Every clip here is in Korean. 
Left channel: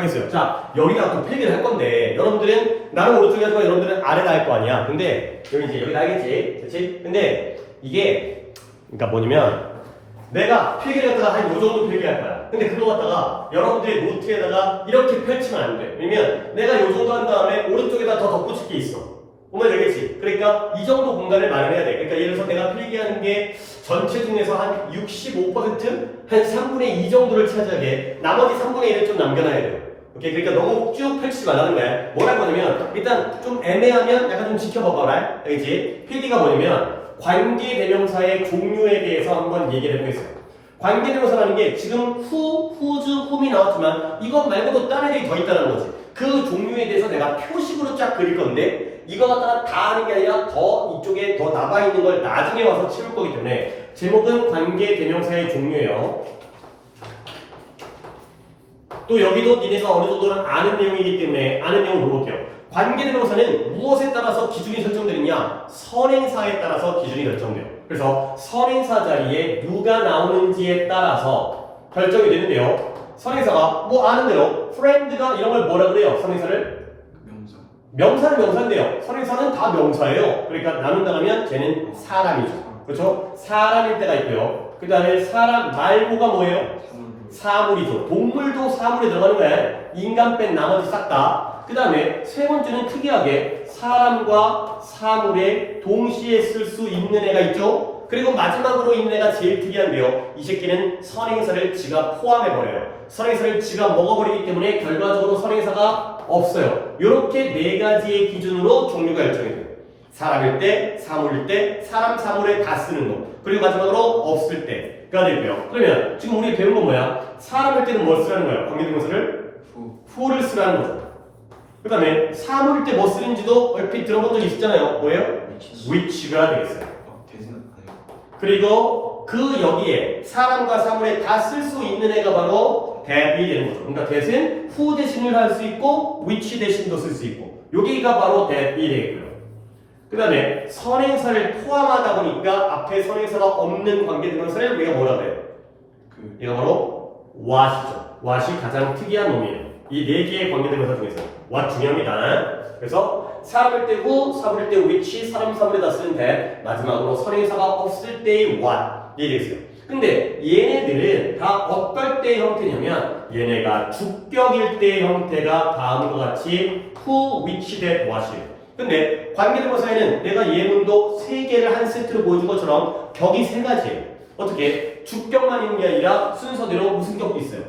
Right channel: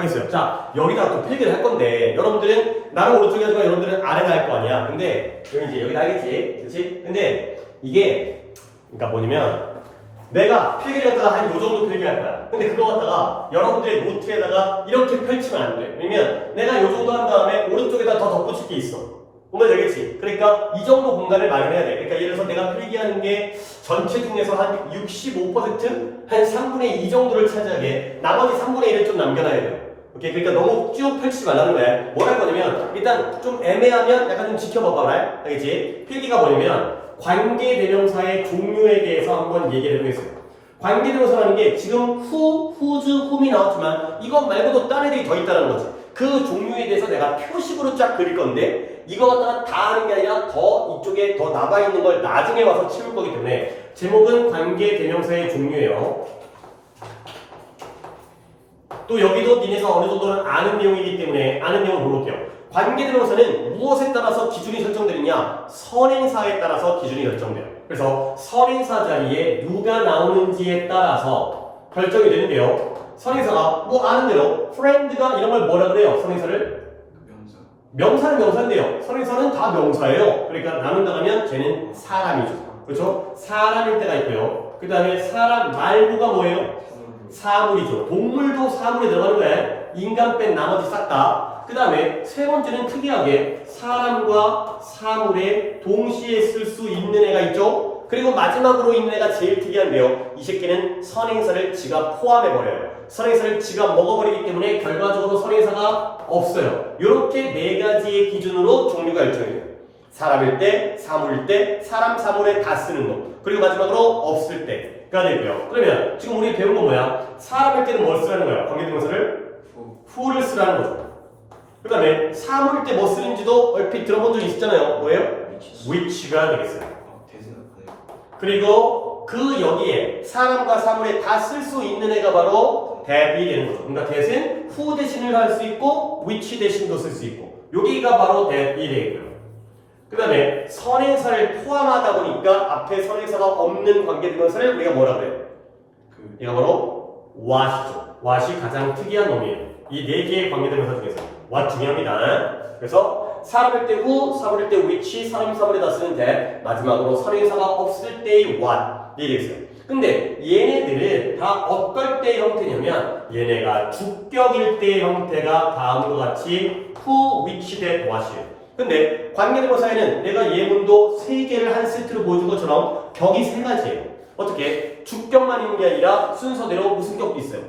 하겠어요. 자, 여기다 또 필기를 할 건데 여러분들은 나는 오른쪽에 하지만 여러분들은 아래다 할 거 아니야. 근데 여기 이제 여기다 하겠지, 그렇지? 근데 이게 그러니까 뭐냐면 내가 필기를 갖다가 한 요 정도 필기할 거야. 근데 그거 갖다가 여러분들의 노트에다가 이렇게 펼치면 안 돼. 왜냐면 내가 요 정도 한 다음에 오른쪽에다 더 덧붙일 게 있어. 보면 되겠지? 그러니까 이 정도 공간을 마련해야 돼. 그러니까 예를 들어서 내가 필기하는 게 전체 중에서 한 65%? 한 3분의 2 정도를 차지하게 돼. 나머지 3분의 1을 좀 남겨놔야 돼. 오케이? 그러니까 너무 쭉 펼치지 말라는 거야. 뭘 할 거냐면 일단 좀 애매하면 약간 좀 지켜봐봐라. 알겠지? 필기가 뭐냐면 관계대명사의 종류에 대해서 한번 얘기를 해보겠어요. 관계대명사라는 게 지금 who, whose, whom이 나왔지만 이것 말고도 딴 애들이 더 있다는 거지. 그 종류에 대해서 내가 표식으로 쫙 그릴 건데 이거 갖다가 다 하는 게 아니라 더 이쪽에 더 남아있는 걸 나중에 와서 치울 거기 때문에 제목은 관계대명사의 종류예요. 또 여기도 니네가 어느 정도는 아는 내용이기 때문에 아는 내용을 물어볼게요. 관계대명사는 무엇에 따라서 기준이 설정되느냐? 선행사에 따라서 기준이 결정돼요. 그래서 선행사 자리에 누가 나오는지에 따라서 결정이 되는데요. 선행사가 뭐 아는 대로 friend가 이런 걸 뭐라 그래요? 선행사를? 명사. 명사는 명사인데요. 선행사는 다 명사예요. 그러니까 나눈다 하면 쟤는 사람이죠. 그렇죠? 사람일 때가 있고요. 그 다음에 사람 말고가 뭐예요? 사물이죠. 동물도 사물에 들어가는 거야. 인간 뺀 나머지 싹 다. 그 다음에 세 번째는 특이하게 사람과 사물에 동시에 쓸 수 있는 애가 있죠. 그리고 마지막으로 있는 애가 제일 특이한데요. 이 새끼는 선행사를 지가 포함해버려요. 선행사를 지가 먹어버리기 때문에 결과적으로 선행사가 없어요. 이렇게 네 가지의 기준으로 종류가 결정해요. 사람일 때, 사물일 때, 사람, 사물에 다 쓰는 거. 그리고 마지막으로 없을 때가 되고요. 그러면 지금 우리 배운 건 뭐야? 사람일 때는 뭘 쓰라는 거야? 관계대명사를? who를 쓰라는 거죠. 그 다음에 사물일 때 뭐 쓰는지도 얼핏 들어본 적 있었잖아요. 뭐예요? which가 되겠어요. 그리고 그 여기에 사람과 사물에 다 쓸 수 있는 애가 바로 that이 되는 거죠. 그러니까 that은 who 대신을 할 수 있고 which 대신도 쓸 수 있고 여기가 바로 that이 되고요. 그 다음에 선행사를 포함하다 보니까 앞에 선행사가 없는 관계대명사를 우리가 뭐라 그래요? 얘가 바로 what이죠. what이 가장 특이한 놈이에요. 이 네 개의 관계대명사 중에서 what 중요합니다. 그래서 사람일 때 who, 사물일 때 which, 사람, 사물에다 쓰는 that, 마지막으로 선행사가 없을 때의 what이 되겠어요. 근데 얘네들은 다 어떨 때의 형태냐면 얘네가 주격일 때의 형태가 다음과 같이 who, which, that, what이에요. 근데 관계대명사에는 내가 예문도 3개를 한 세트로 보여준 것처럼 격이 3가지예요. 어떻게? 주격만 있는 게 아니라 순서대로 무슨 격도 있어요?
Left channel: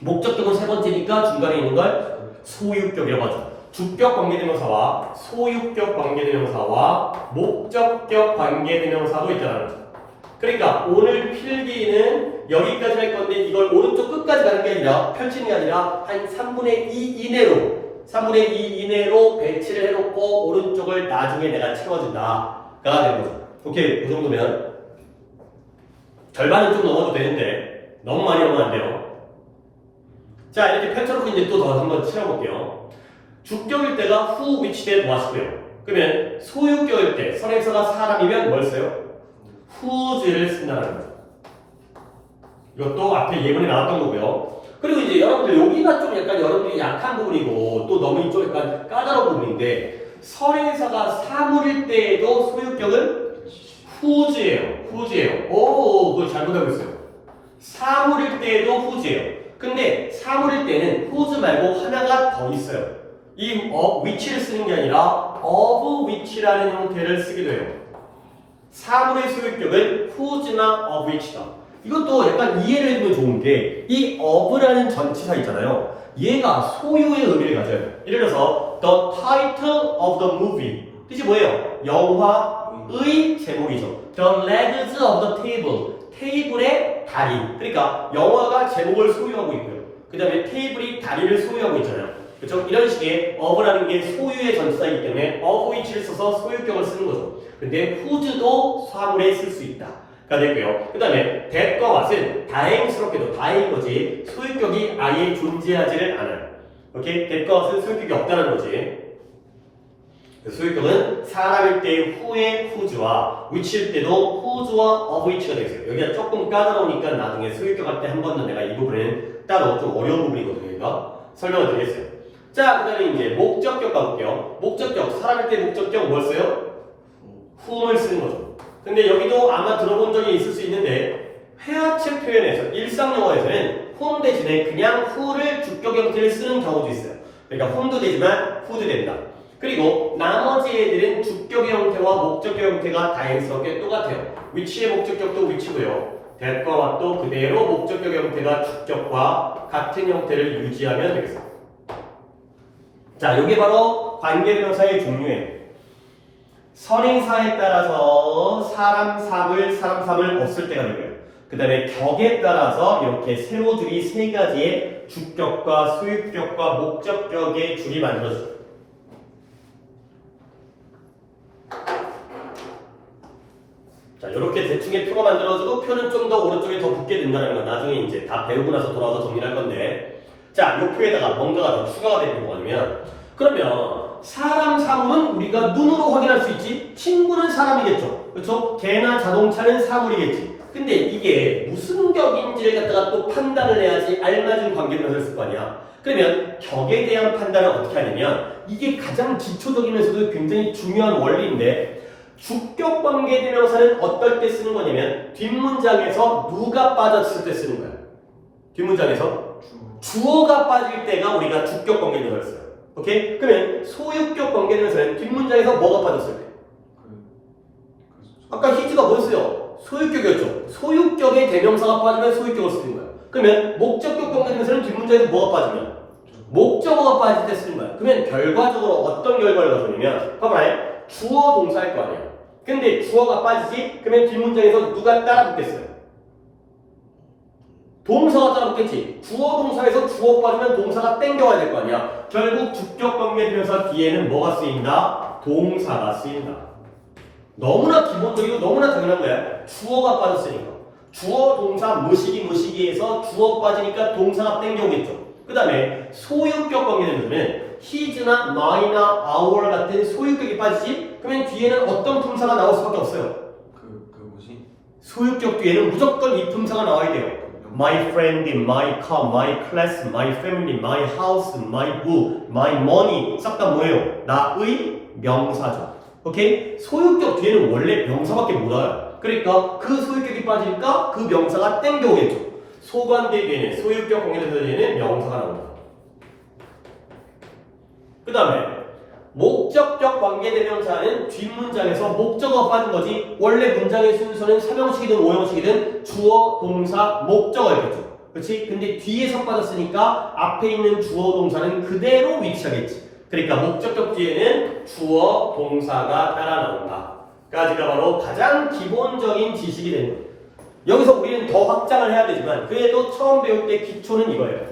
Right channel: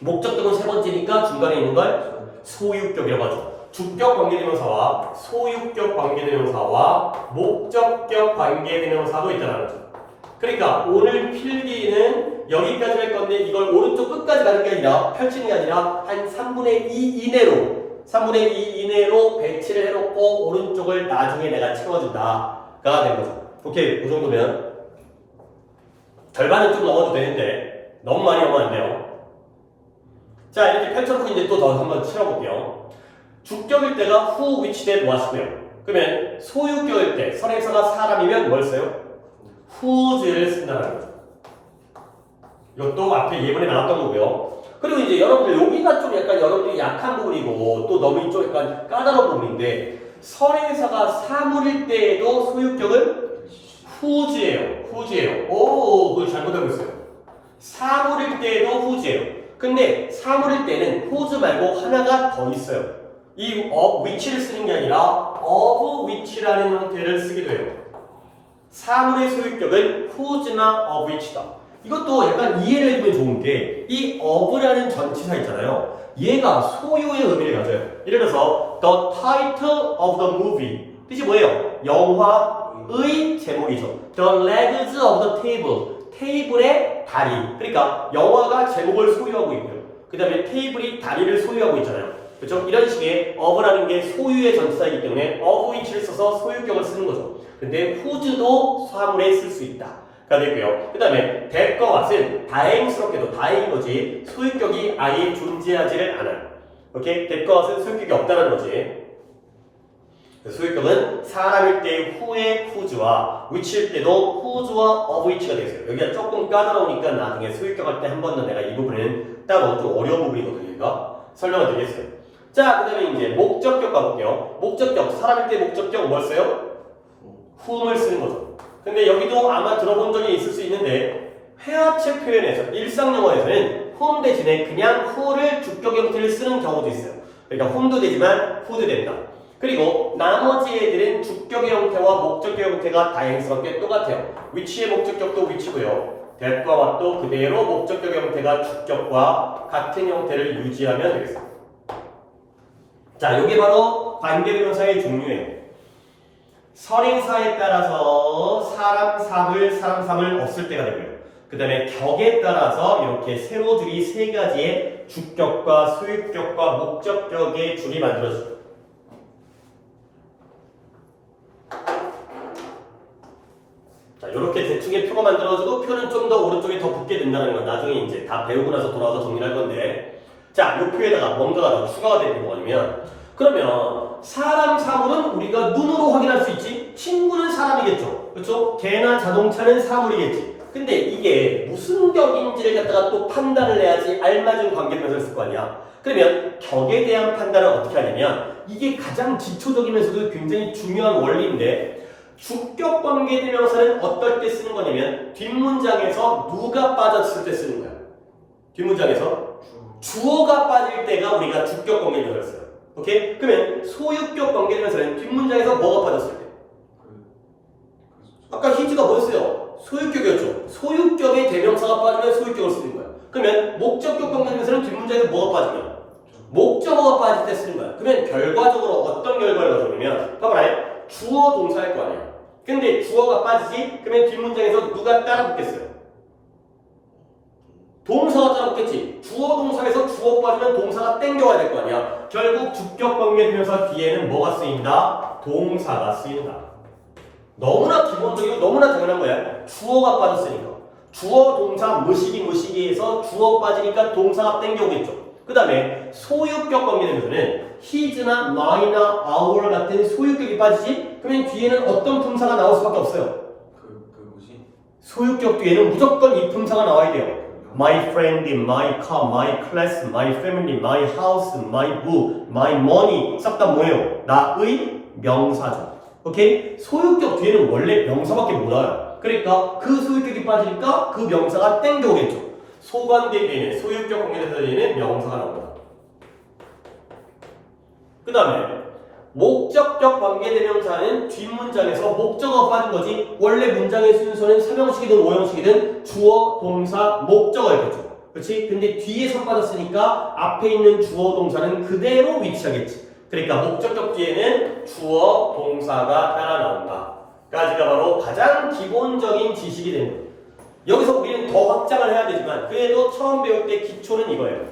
목적격은 3번째니까 중간에 있는 걸 소유격이라고 하죠. 주격 관계대명사와 소유격 관계대명사와 목적격 관계대명사도 있다는 거죠. 그러니까 오늘 필기는 여기까지 할 건데 이걸 오른쪽 끝까지 가는 게 아니라 펼치는 게 아니라 한 3분의 2 이내로 배치를 해놓고 오른쪽을 나중에 내가 채워준다가 되는 거죠. 오케이, 그 정도면 절반은 좀 넘어도 되는데 너무 많이 넘어면 안 돼요. 자, 이렇게 펼쳐놓고 이제 또 더 한번 치러볼게요. 주격일 때가 who, which, that, what이고요. 그러면 소유격일 때 선행사가 사람이면 뭘 써요? whose를 쓴다는 거죠. 이것도 앞에 예문에 나왔던 거고요. 그리고 이제 여러분들 여기가 좀 약간 여러분들이 약한 부분이고 또 너무 좀 약간 까다로운 부분인데 선행사가 사물일 때에도 소유격은 whose예요. 오, 그거 잘못하고 있어요. 사물일 때에도 whose예요. 근데 사물일 때는 whose 말고 하나가 더 있어요. 이 of which를 쓰는 게 아니라 of which라는 형태를 쓰기도 해요. 사물의 소유격은 whose나 of which다. 이것도 약간 이해를 해두면 좋은 게 이 of라는 전치사 있잖아요. 얘가 소유의 의미를 가져요. 예를 들어서 the title of the movie 뜻이 뭐예요? 영화의 제목이죠. The legs of the table 테이블의 다리. 그러니까 영화가 제목을 소유하고 있고요. 그 다음에 테이블이 다리를 소유하고 있잖아요. 그렇죠? 이런 식의 of라는 게 소유의 전치사이기 때문에 of which를 써서 소유격을 쓰는 거죠. 근데 whose도 사물에 쓸 수 있다. 가 되고요. 그 다음에 that과 what은 다행스럽게도 다행인 거지 소유격이 아예 존재하지를 않아요. 오케이? that과 what은 소유격이 없다는 거지. 소유격은 사람일 때의 who의 whose와 which일 때도 whose와 of which가 되겠어요. 여기가 조금 까다로우니까 나중에 소유격 할 때 한 번 더 내가 이 부분은 따로 좀 어려운 부분이거든요. 여기가 설명을 드리겠어요. 자, 그 다음에 이제 목적격 가볼게요. 목적격, 사람일 때 목적격 뭘 써요? whom을 쓰는 거죠. 근데 여기도 아마 들어본 적이 있을 수 있는데 회화책 표현에서 일상 영어에서는 whom 대신에 그냥 who를 주격 형태를 쓰는 경우도 있어요. 그러니까 whom도 되지만 who도 된다. 그리고 나머지 애들은 주격의 형태와 목적격 형태가 다양스럽게 똑같아요. which의 목적격도 which고요. that과 what도 그대로 목적격 형태가 주격과 같은 형태를 유지하면 되겠습니다. 자, 이게 바로 관계대명사의 종류예요. 선행사에 따라서 사람, 사물 없을 때가 되고요. 그 다음에 격에 따라서 이렇게 세로줄이 세 가지의 주격과 소유격과 목적격의 줄이 만들어져요. 자, 이렇게 대충의 표가 만들어져도 표는 좀 더 오른쪽에 더 붙게 된다는 건 나중에 이제 다 배우고 나서 돌아와서 정리할 건데, 자, 이 표에다가 뭔가가 더 추가가 되는 거 아니면, 그러면 사람, 사물은 우리가 눈으로 확인할 수 있지. 친구는 사람이겠죠. 그렇죠? 개나 자동차는 사물이겠지. 근데 이게 무슨 격인지를 갖다가 또 판단을 해야지 알맞은 관계명사를 쓸 거 아니야. 그러면 격에 대한 판단을 어떻게 하냐면 이게 가장 기초적이면서도 굉장히 중요한 원리인데, 주격 관계대명사는 어떨 때 쓰는 거냐면 뒷문장에서 누가 빠졌을 때 쓰는 거야. 뒷문장에서 주어가 빠질 때가 우리가 주격 관계대명사를 써요. 오케이? 그러면 소유격 관계대명사는 뒷문장에서 뭐가 빠졌을 때? 아까 히즈가 뭐였어요? 소유격이었죠. 소유격의 대명사가 빠지면 소유격을 쓰는 거야. 그러면 목적격 관계대명사는 뒷문장에서 뭐가 빠지면? 목적어가 빠질 때 쓰는 거야. 그러면 결과적으로 어떤 결과를 가져오냐면 봐봐요. 주어 동사일 거 아니에요. 근데 주어가 빠지지? 그러면 뒷문장에서 누가 따라 붙겠어요? 동사가 따라 붙겠지. 주어 동사에서 주어 빠지면 동사가 땡겨와야 될 거 아니야. 결국 주격 관계대명사 뒤에는 뭐가 쓰인다? 동사가 쓰인다. 너무나 기본적이고 너무나 당연한 거야. 주어가 빠졌으니까. 주어 동사 무시기에서 주어 빠지니까 동사가 땡겨오겠죠. 그 다음에 소유격 관계대명사는 his나 my나 our 같은 소유격이 빠지지? 그러면 뒤에는 어떤 품사가 나올 수밖에 없어요. 뭐지? 소유격 뒤에는 무조건 이 품사가 나와야 돼요. My friend, my car, my class, my family, my house, my book, my money 싹 다 뭐예요? 나의 명사죠. 오케이? 소유격 뒤에는 원래 명사밖에 못 와요. 그러니까 그 소유격이 빠지니까 그 명사가 땡겨오겠죠. 소관대 뒤에는 소유격 관계대명사 뒤에는 명사가 나옵니다. 그 다음에 목적격 관계대명사는 뒷문장에서 목적어가 빠진 거지. 원래 문장의 순서는 3형식이든 5형식이든 주어, 동사, 목적어였겠죠. 그렇지? 근데 뒤에서 빠졌으니까 앞에 있는 주어, 동사는 그대로 위치하겠지. 그러니까 목적격 뒤에는 주어, 동사가 따라 나온다. 까지가 바로 가장 기본적인 지식이 되는 거예요. 여기서 우리는 더 확장을 해야 되지만 그래도 처음 배울 때 기초는 이거예요.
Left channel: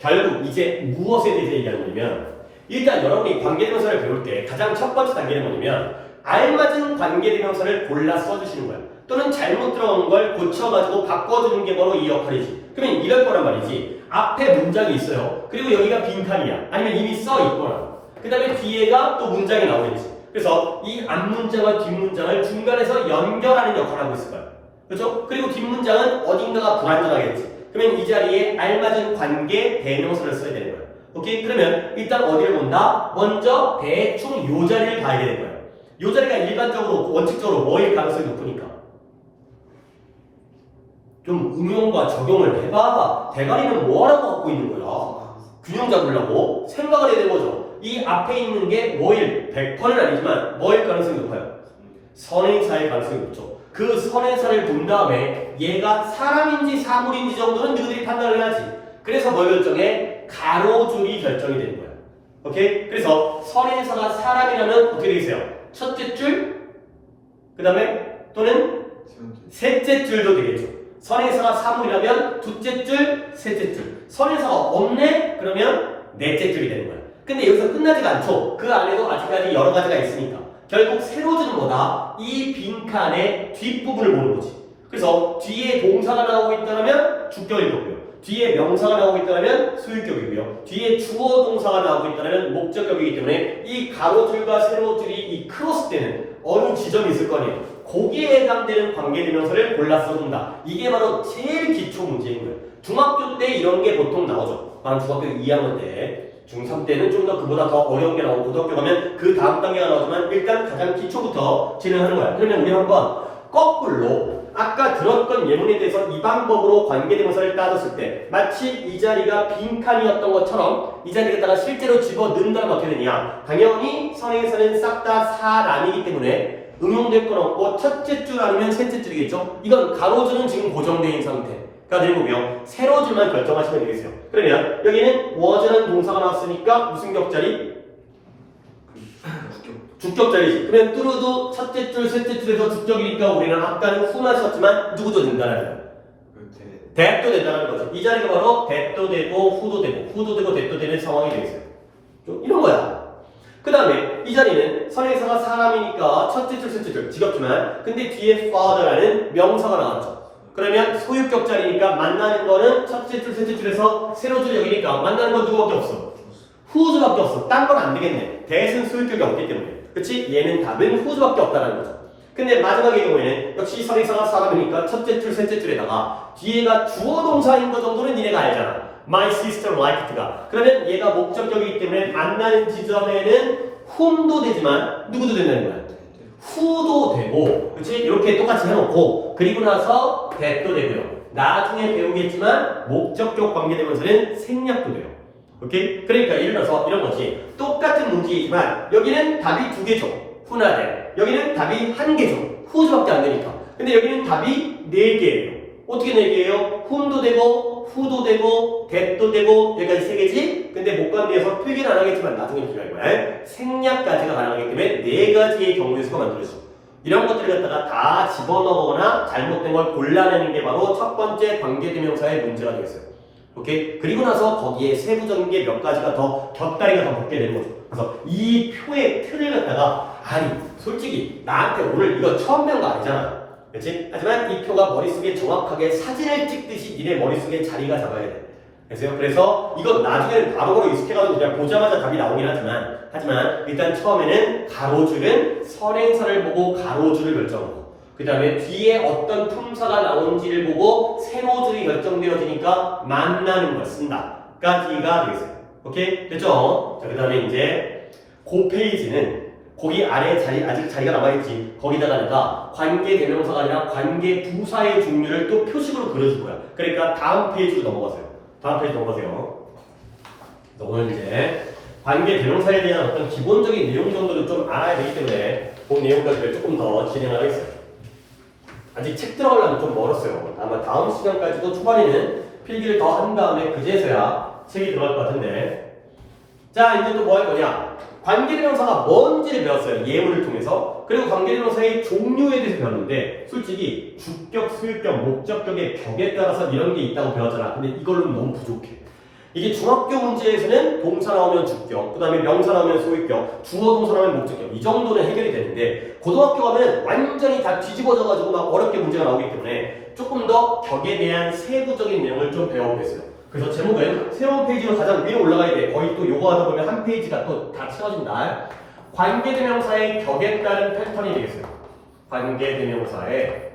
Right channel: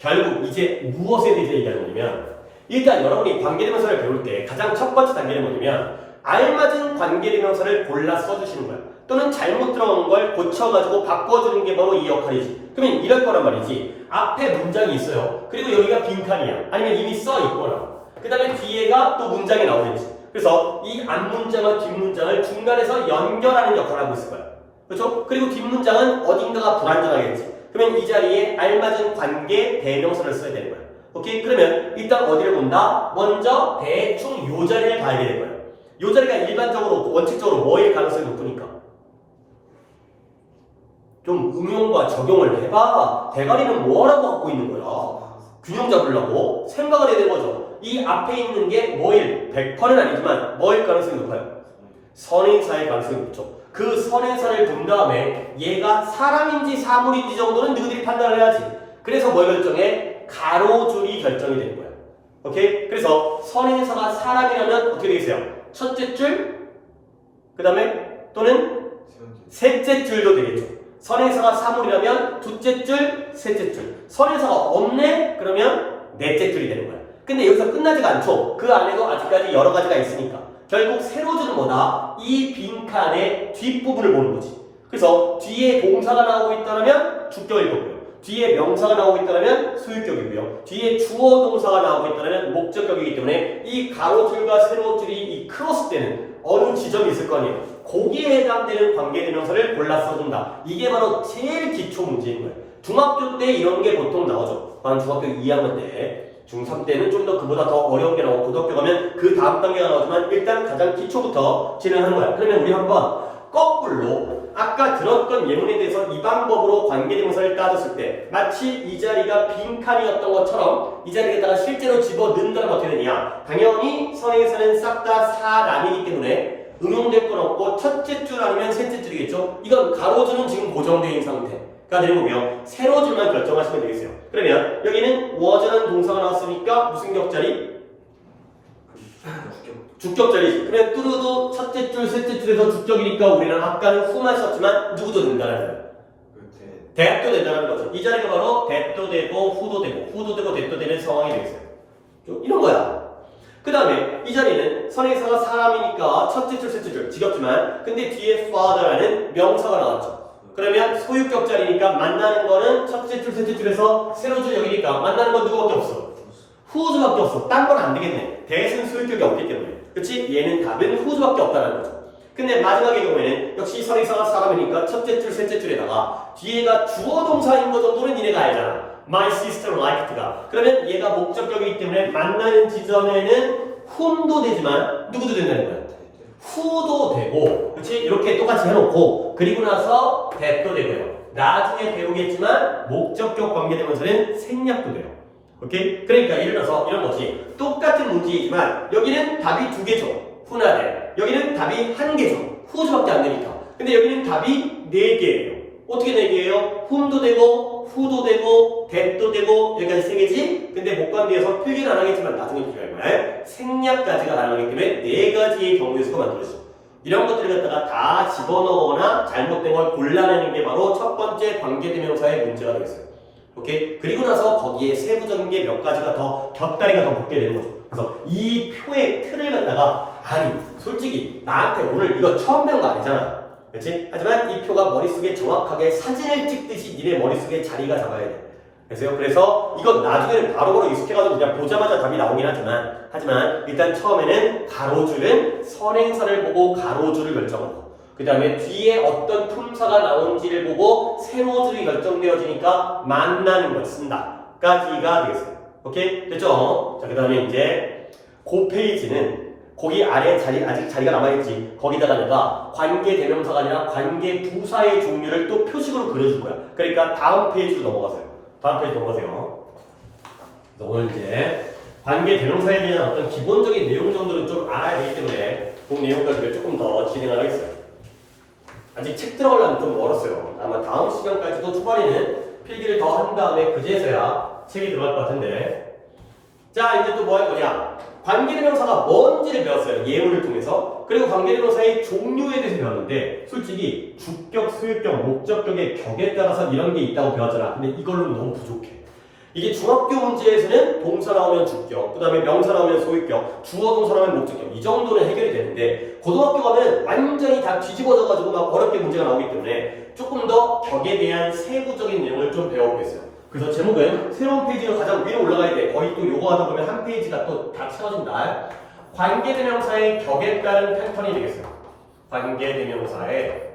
결국 이제 무엇에 대해서 얘기하는 거냐면 일단 여러분이 관계대명사를 배울 때 가장 첫 번째 단계는 뭐냐면 알맞은 관계대명사를 골라 써주시는 거야. 또는 잘못 들어온 걸 고쳐가지고 바꿔주는 게 바로 이 역할이지. 그러면 이럴 거란 말이지. 앞에 문장이 있어요. 그리고 여기가 빈칸이야. 아니면 이미 써 있거나. 그 다음에 뒤에가 또 문장이 나오겠지. 그래서 이 앞문장과 뒷문장을 중간에서 연결하는 역할을 하고 있을 거야. 그렇죠? 그리고 뒷문장은 어딘가가 불안정하겠지. 그러면 이 자리에 알맞은 관계 대명사를 써야 되는 거야. 오케이? 그러면 일단 어디를 본다? 먼저 대충 요 자리를 봐야 되는 거야. 요 자리가 일반적으로 원칙적으로 뭐일 가능성이 높으니까 좀 응용과 적용을 해봐. 대가리는 뭐하라고 갖고 있는 거야? 균형 잡으려고 생각을 해야 되는 거죠. 이 앞에 있는 게 뭐일? 100%는 아니지만 뭐일 가능성이 높아요? 선행사일 가능성이 높죠. 그 선행사를 본 다음에 얘가 사람인지 사물인지 정도는 누구들이 판단을 해야지. 그래서 뭘 결정해? 가로줄이 결정이 되는 거야. 오케이? 그래서 선행사가 사람이라면 어떻게 되겠어요? 첫째 줄, 그 다음에 또는 셋째 줄도 되겠죠. 선행사가 사물이라면 둘째 줄, 셋째 줄. 선행사가 없네? 그러면 넷째 줄이 되는 거야. 근데 여기서 끝나지가 않죠. 그 안에도 아직까지 여러 가지가 있으니까. 결국 세로줄은 뭐다? 이 빈칸의 뒷부분을 보는 거지. 그래서 뒤에 동사가 나오고 있다면 주격일 거고요. 뒤에 명사가 나오고 있다면 소유격이고요. 뒤에 주어 동사가 나오고 있다면 목적격이기 때문에 이 가로줄과 세로줄이 이 크로스되는 어느 지점이 있을 거 아니에요. 거기에 해당되는 관계대명사를 골라 써준다. 이게 바로 제일 기초 문제인 거예요. 중학교 때 이런 게 보통 나오죠. 한 중학교 2학년 때, 중3 때는 좀 더 그보다 더 어려운 게 나오고 고등학교 가면 그 다음 단계가 나오지만 일단 가장 기초부터 진행하는 거야. 그러면 우리 한번 거꾸로 아까 들었던 예문에 대해서 이 방법으로 관계대명사를 따졌을 때 마치 이 자리가 빈칸이었던 것처럼 이 자리에다가 실제로 집어넣는다면 어떻게 되냐? 당연히 선행사는 싹 다 사람이기 때문에 응용될 건 없고 첫째 줄 아니면 셋째 줄이겠죠? 이건 가로줄은 지금 고정되어 있는 상태가 되는 거고요. 세로줄만 결정하시면 되겠어요. 그러면 여기는 was라는 동사가 나왔으니까 무슨 격자리? 주격자리지. 그러면 뚜루도 첫째 줄, 셋째 줄에서 주격이니까 우리는 아까는 후만 썼지만 누구도 된다는 거예요. 대도 된다는 거죠. 이 자리가 바로 대도 되고 후도 되고 후도 되고 대도 되는 상황이 되겠어요. 이런 거야. 그 다음에 이 자리는 선행사가 사람이니까 첫째 줄, 셋째 줄 지겹지만 근데 뒤에 father라는 명사가 나왔죠. 그러면 소유격자리니까 만나는 거는 첫째 줄, 셋째 줄에서 세로줄 여기니까 만나는 건 누구밖에 없어? 후주밖에 없어. 딴 건 안 되겠네. 대신 소유격이 없기 때문에. 그렇지? 얘는 답은 후주밖에 없다는 거죠. 근데 마지막의 경우에는 역시 선행사가 사람이니까 첫째 줄, 셋째 줄에다가 뒤에가 주어 동사인 거 정도는 니네가 알잖아. My sister liked가. 그러면 얘가 목적격이기 때문에 만나는 지점에는 whom도 되지만 누구도 된다는 거야. who도 되고, 그렇지? 이렇게 똑같이 해놓고 그리고 나서 that도 되고요. 나중에 배우겠지만 목적격 관계대명사는 생략도 돼요. 오케이? 그러니까 예를 들어서 이런 거지. 똑같은 문제이지만 여기는 답이 두 개죠. 후나 대. 여기는 답이 한 개죠. 후주밖에 안 되니까. 근데 여기는 답이 네 개예요. 어떻게 네 개예요? whom도 되고 후도 되고 that도 되고 여기까지 세 개지. 근데 목관계에서 필기는 안 하겠지만 나중에 필기할 거야. 생략까지가 가능하기 때문에 네 가지의 경우의 수가 만들어져. 이런 것들을 갖다가 다 집어넣거나 잘못된 걸 골라내는 게 바로 첫 번째 관계대명사의 문제가 되겠어요. 오케이? 그리고 나서 거기에 세부적인 게 몇 가지가 더 곁다리가 더 붙게 되는 거죠. 그래서 이 표의 틀을 갖다가 아니 솔직히 나한테 오늘 이거 처음 배운 거 아니잖아. 그렇지? 하지만 이 표가 머릿속에 정확하게 사진을 찍듯이 니네 머릿속에 자리가 잡아야 돼. 그래서 이건 나중에는 바로바로 익숙해가지고 그냥 보자마자 답이 나오긴 하지만 일단 처음에는 가로줄은 선행사를 보고 가로줄을 결정하고 그 다음에 뒤에 어떤 품사가 나오는지를 보고 세로줄이 결정되어지니까 만나는 걸 쓴다 까지가 되겠어요. 오케이? 됐죠? 자, 그 다음에 이제 그 페이지는 거기 아래 아직 자리가 남아있지. 거기다가 내가 관계대명사가 아니라 관계부사의 종류를 또 표식으로 그려줄 거야. 그러니까 다음 페이지로 넘어가세요. 오늘 이제 관계대명사에 대한 어떤 기본적인 내용 정도는 좀 알아야 되기 때문에 그 내용까지 조금 더 진행하겠어요. 아직 책 들어가려면 좀 멀었어요. 아마 다음 시간까지도 초반에는 필기를 더 한 다음에 그제서야 책이 들어갈 것 같은데. 자, 이제 또 뭐 할 거냐? 관계대명사가 뭔지를 배웠어요. 예문을 통해서. 그리고 관계대명사의 종류에 대해서 배웠는데 솔직히 주격, 소유격, 목적격의 격에 따라서 이런 게 있다고 배웠잖아. 근데 이걸로는 너무 부족해. 이게 중학교 문제에서는 동사 나오면 주격, 그 다음에 명사 나오면 소유격, 주어 동사 나오면 목적격 이 정도는 해결이 되는데 고등학교 가면 완전히 다 뒤집어져가지고 막 어렵게 문제가 나오기 때문에 조금 더 격에 대한 세부적인 내용을 좀 배워보겠어요. 그래서 제목은 새로운 페이지로 가장 위로 올라가야 돼. 거의 또 요거 하다 보면 한 페이지가 또 다 채워진다. 관계대명사의 격에 따른 패턴이 되겠어요. 관계대명사의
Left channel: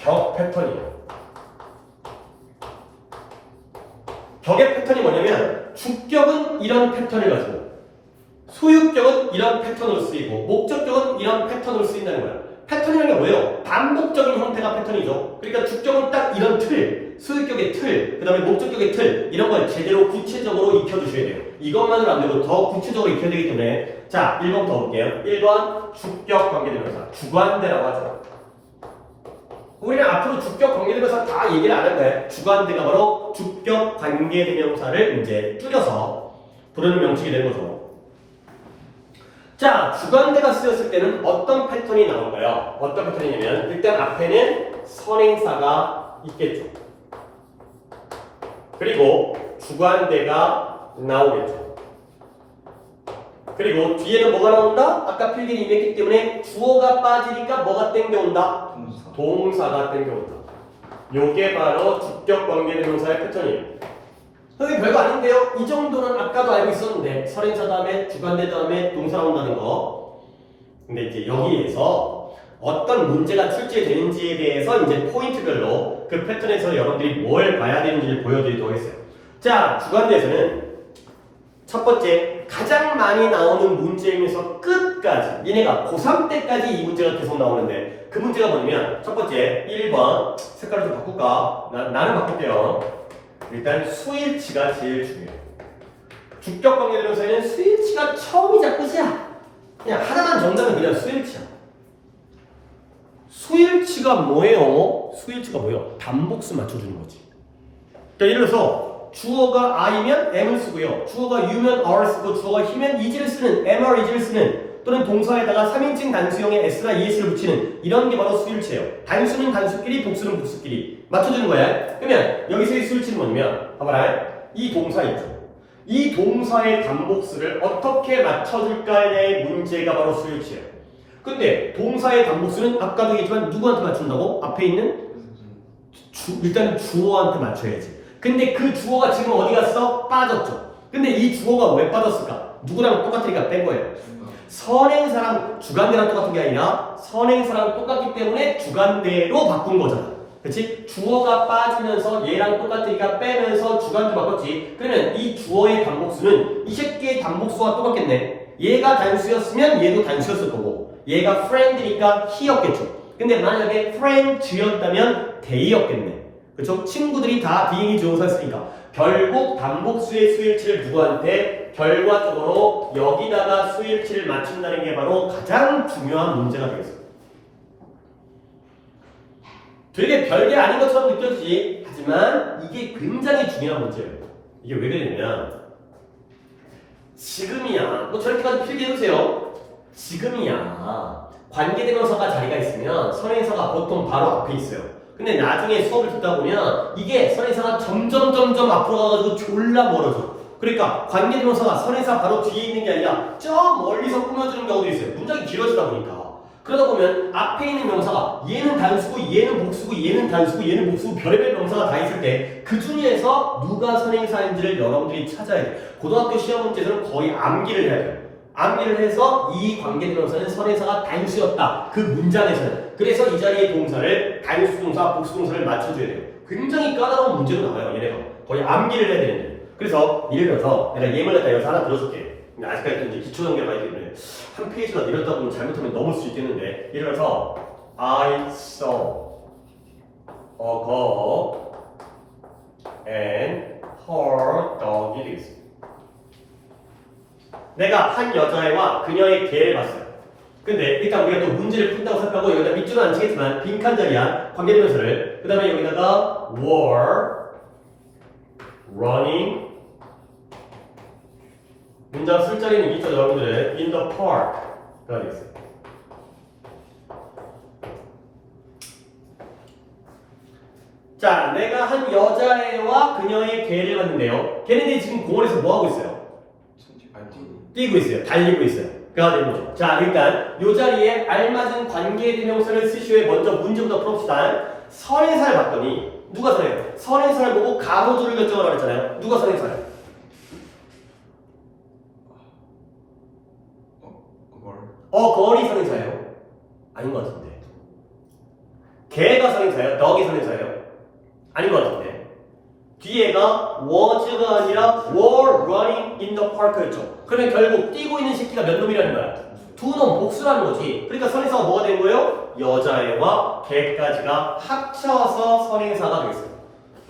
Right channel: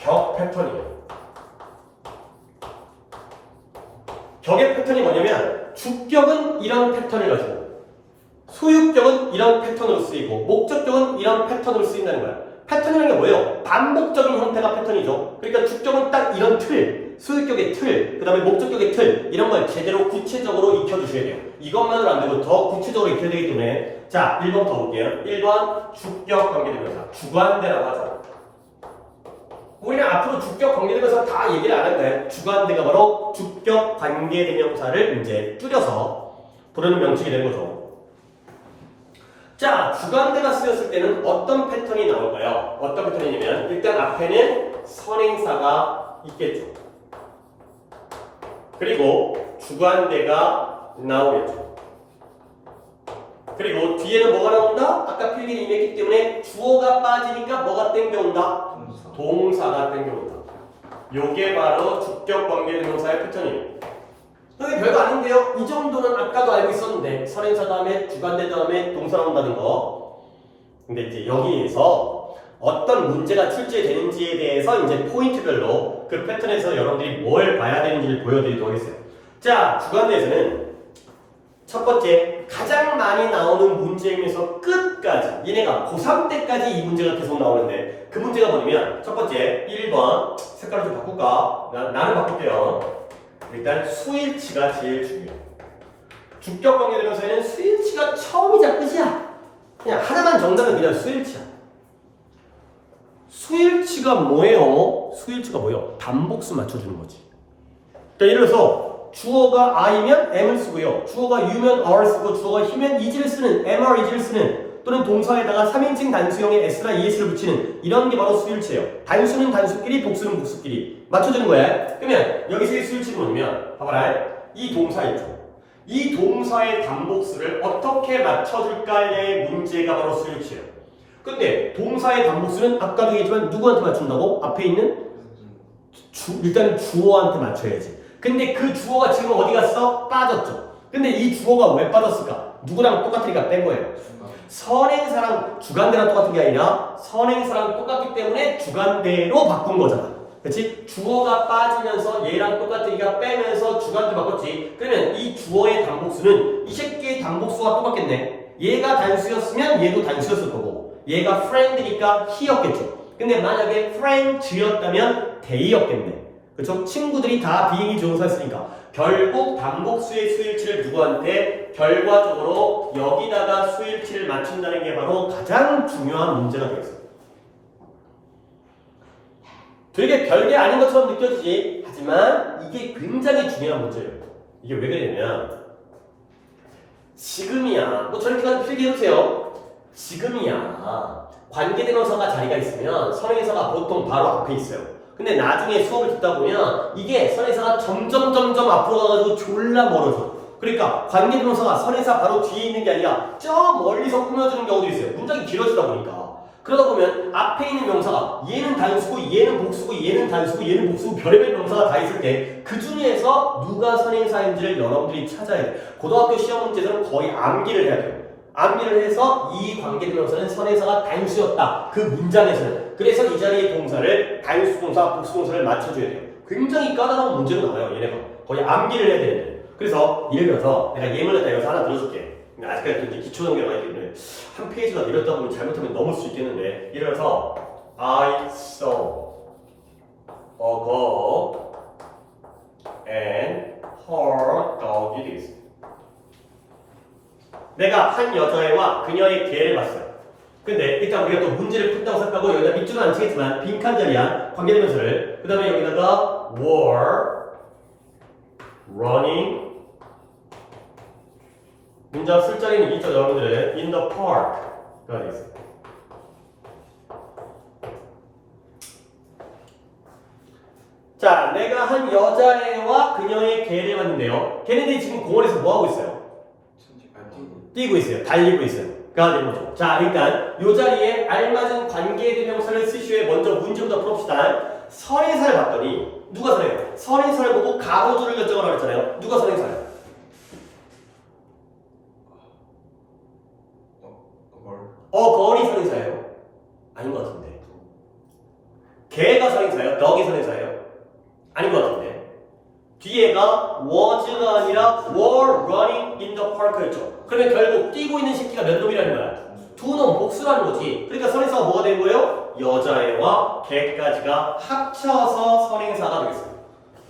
격 패턴이에요. 격의 패턴이 뭐냐면 주격은 이런 패턴을 가지고 소유격은 이런 패턴으로 쓰이고 목적격은 이런 패턴으로 쓰인다는 거야. 패턴이라는 게 뭐예요? 반복적인 형태가 패턴이죠. 그러니까 주격은 딱 이런 틀, 소유격의 틀, 그 다음에 목적격의 틀 이런 걸 제대로 구체적으로 익혀주셔야 돼요. 이것만으로 안 되고 더 구체적으로 익혀야 되기 때문에 자 1번 더 볼게요. 1번 주격 관계대명사 주관대라고 하죠. 우리는 앞으로 주격 관계대명사 다 얘기를 안 할 거예요. 주관대가 바로 주격 관계대명사를 이제 줄여서 부르는 명칭이 된 거죠. 자, 주관대가 쓰였을 때는 어떤 패턴이 나올까요? 어떤 패턴이냐면 일단 앞에는 선행사가 있겠죠. 그리고 주관대가 나오겠죠. 그리고 뒤에는 뭐가 나온다? 아까 필기를 이미 했기 때문에 주어가 빠지니까 뭐가 땡겨온다? 동사가 땡겨온다. 요게 바로 주격 관계대명사의 패턴이에요. 선생님 별거 아닌데요? 이 정도는 아까도 알고 있었는데 선행사 다음에 주관대 다음에 동사 나온다는 거. 근데 이제 여기에서 어떤 문제가 출제되는지에 대해서 이제 포인트별로 그 패턴에서 여러분들이 뭘 봐야 되는지를 보여드리도록 하겠어요. 자, 주관대에서는 첫 번째 가장 많이 나오는 문제에서 끝까지 얘네가 고3 때까지 이 문제가 계속 나오는데 그 문제가 뭐냐면 첫 번째 1번 색깔을 좀 바꿀까? 나는 바꿀게요. 일단 수일치가 제일 중요해요. 주격 관계대명사에는 수일치가 처음이자 끝이야. 그냥 하나만 정답은 그냥 수일치야. 수일치가 뭐예요? 수일치가 뭐예요? 단복수 맞춰주는 거지. 그러니까 예를 들어서 주어가 I면 M을 쓰고요. 주어가 U면 R을 쓰고 주어가 He면 is를 쓰는 MR is를 쓰는 또는 동사에다가 3인칭 단수형의 S나 ES를 붙이는 이런 게 바로 수일치예요. 단수는 단수끼리 복수는 복수끼리 맞춰주는 거야. 그러면 여기서의 수일치는 뭐냐면 봐봐라. 이 동사 있죠. 이 동사의 단복수를 어떻게 맞춰줄까의 문제가 바로 수일치예요. 근데 동사의 단복수는 아까도 얘기했지만 누구한테 맞춘다고? 앞에 있는 일단 주어한테 맞춰야지. 근데 그 주어가 지금 어디 갔어? 빠졌죠. 근데 이 주어가 왜 빠졌을까? 누구랑 똑같으니까 뺀 거예요. 선행사랑 주관대랑 똑같은 게 아니라 선행사랑 똑같기 때문에 주관대로 바꾼 거잖아. 그렇지? 주어가 빠지면서 얘랑 똑같으니까 빼면서 주관대 바꿨지. 그러면 이 주어의 단복수는 이 새끼의 단복수와 똑같겠네. 얘가 단수였으면 얘도 단수였을 거고 얘가 friend니까 he였겠죠. 근데 만약에 friend였다면 they였겠네. 그렇죠? 친구들이 다 비행기 조용사였으니까 결국 단복수의 수일치를 누구한테 결과적으로 여기다가 수일치를 맞춘다는 게 바로 가장 중요한 문제가 되겠습니다. 되게 별게 아닌 것처럼 느껴지지. 하지만 이게 굉장히 중요한 문제예요. 이게 왜 그러냐면 지금이야. 뭐 저렇게 필기해주세요. 지금이야. 관계대명사가 자리가 있으면 선행사가 보통 바로 앞에 있어요. 근데 나중에 수업을 듣다 보면 이게 선행사가 점점 앞으로 가가지고 졸라 멀어져. 그러니까 관계대명사가 선행사 바로 뒤에 있는 게 아니라 저 멀리서 꾸며주는 경우도 있어요. 문장이 길어지다 보니까. 그러다 보면 앞에 있는 명사가 얘는 단수고 얘는 복수고 얘는 단수고 얘는 복수고 별의별 명사가 다 있을 때 그 중에서 누가 선행사인지를 여러분들이 찾아야 돼요. 고등학교 시험 문제에서는 거의 암기를 해야 돼요. 암기를 해서 이 관계대명사는 선행사가 단수였다. 그 문장에서는. 그래서 이 자리의 동사를 단수동사, 복수동사를 맞춰줘야 돼요. 굉장히 까다로운 문제로 나와요. 얘네가. 거의 암기를 해야 되는데. 그래서 예를 들어서 내가 예문을 갖다 여기서 하나 들어줄게. 아직까지 이제 기초 단계가 아니기 때문에 한 페이지가 이렇다 보면 잘못하면 넘을 수 있겠는데 예를 들어서 I saw a girl and her dog is 내가 한 여자애와 그녀의 개를 봤어요. 근데 일단 우리가 또 문제를 푼다고 생각하고 여기다 밑줄은 안 치겠지만 빈칸 자리한 관계대명사를 그 다음에 여기다가 were running 문장 술자리는 있죠 여러분들 in the park가 되겠어요. 자, 내가 한 여자애와 그녀의 개를 봤는데요. 걔네들이 지금 공원에서 뭐 하고 있어요? 뛰고 있어요. 달리고 있어요. 가 되는 거죠. 자, 일단 이 자리에 알맞은 관계대명사를 쓰시오에 먼저 문제부터 풀읍시다. 선행사를 봤더니 누가 선행사예요? 선행사를 보고 가로줄을 결정하라고 했잖아요. 누가 선행사예요? 거울이 선행사예요? 아닌 것 같은데. 개가 선행사예요? 덕이 선행사예요? 아닌 것 같은데. 뒤에가 was가 아니라 were running in the park였죠. 그러면 결국 뛰고 있는 새끼가 몇 놈이라는 거야? 두 놈, 복수라는 거지. 그러니까 선행사가 뭐가 된 거예요? 여자애와 개까지가 합쳐서 선행사가 되겠습니다.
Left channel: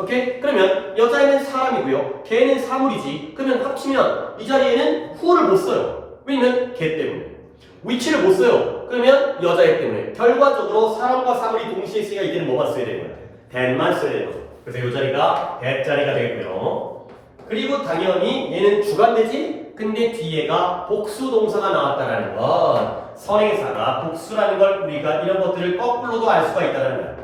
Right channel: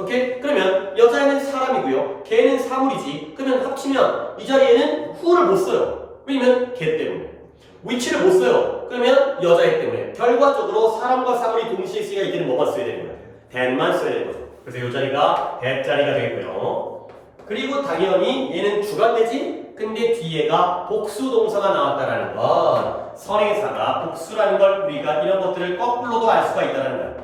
오케이? 그러면 여자애는 사람이고요. 개는 사물이지. 그러면 합치면 이 자리에는 who를 못 써요. 왜냐면 개 때문에. which를 못 써요. 그러면 여자애 때문에. 결과적으로 사람과 사물이 동시에 쓰기가 이때는 뭐만 써야 되는 거야? that만 써야 되는 거죠. 그래서 이 자리가 that 자리가 되겠고요. 그리고 당연히 얘는 주관되지? 근데 뒤에가 복수 동사가 나왔다는 건 선행사가 복수라는 걸 우리가 이런 것들을 거꾸로도 알 수가 있다는 거야.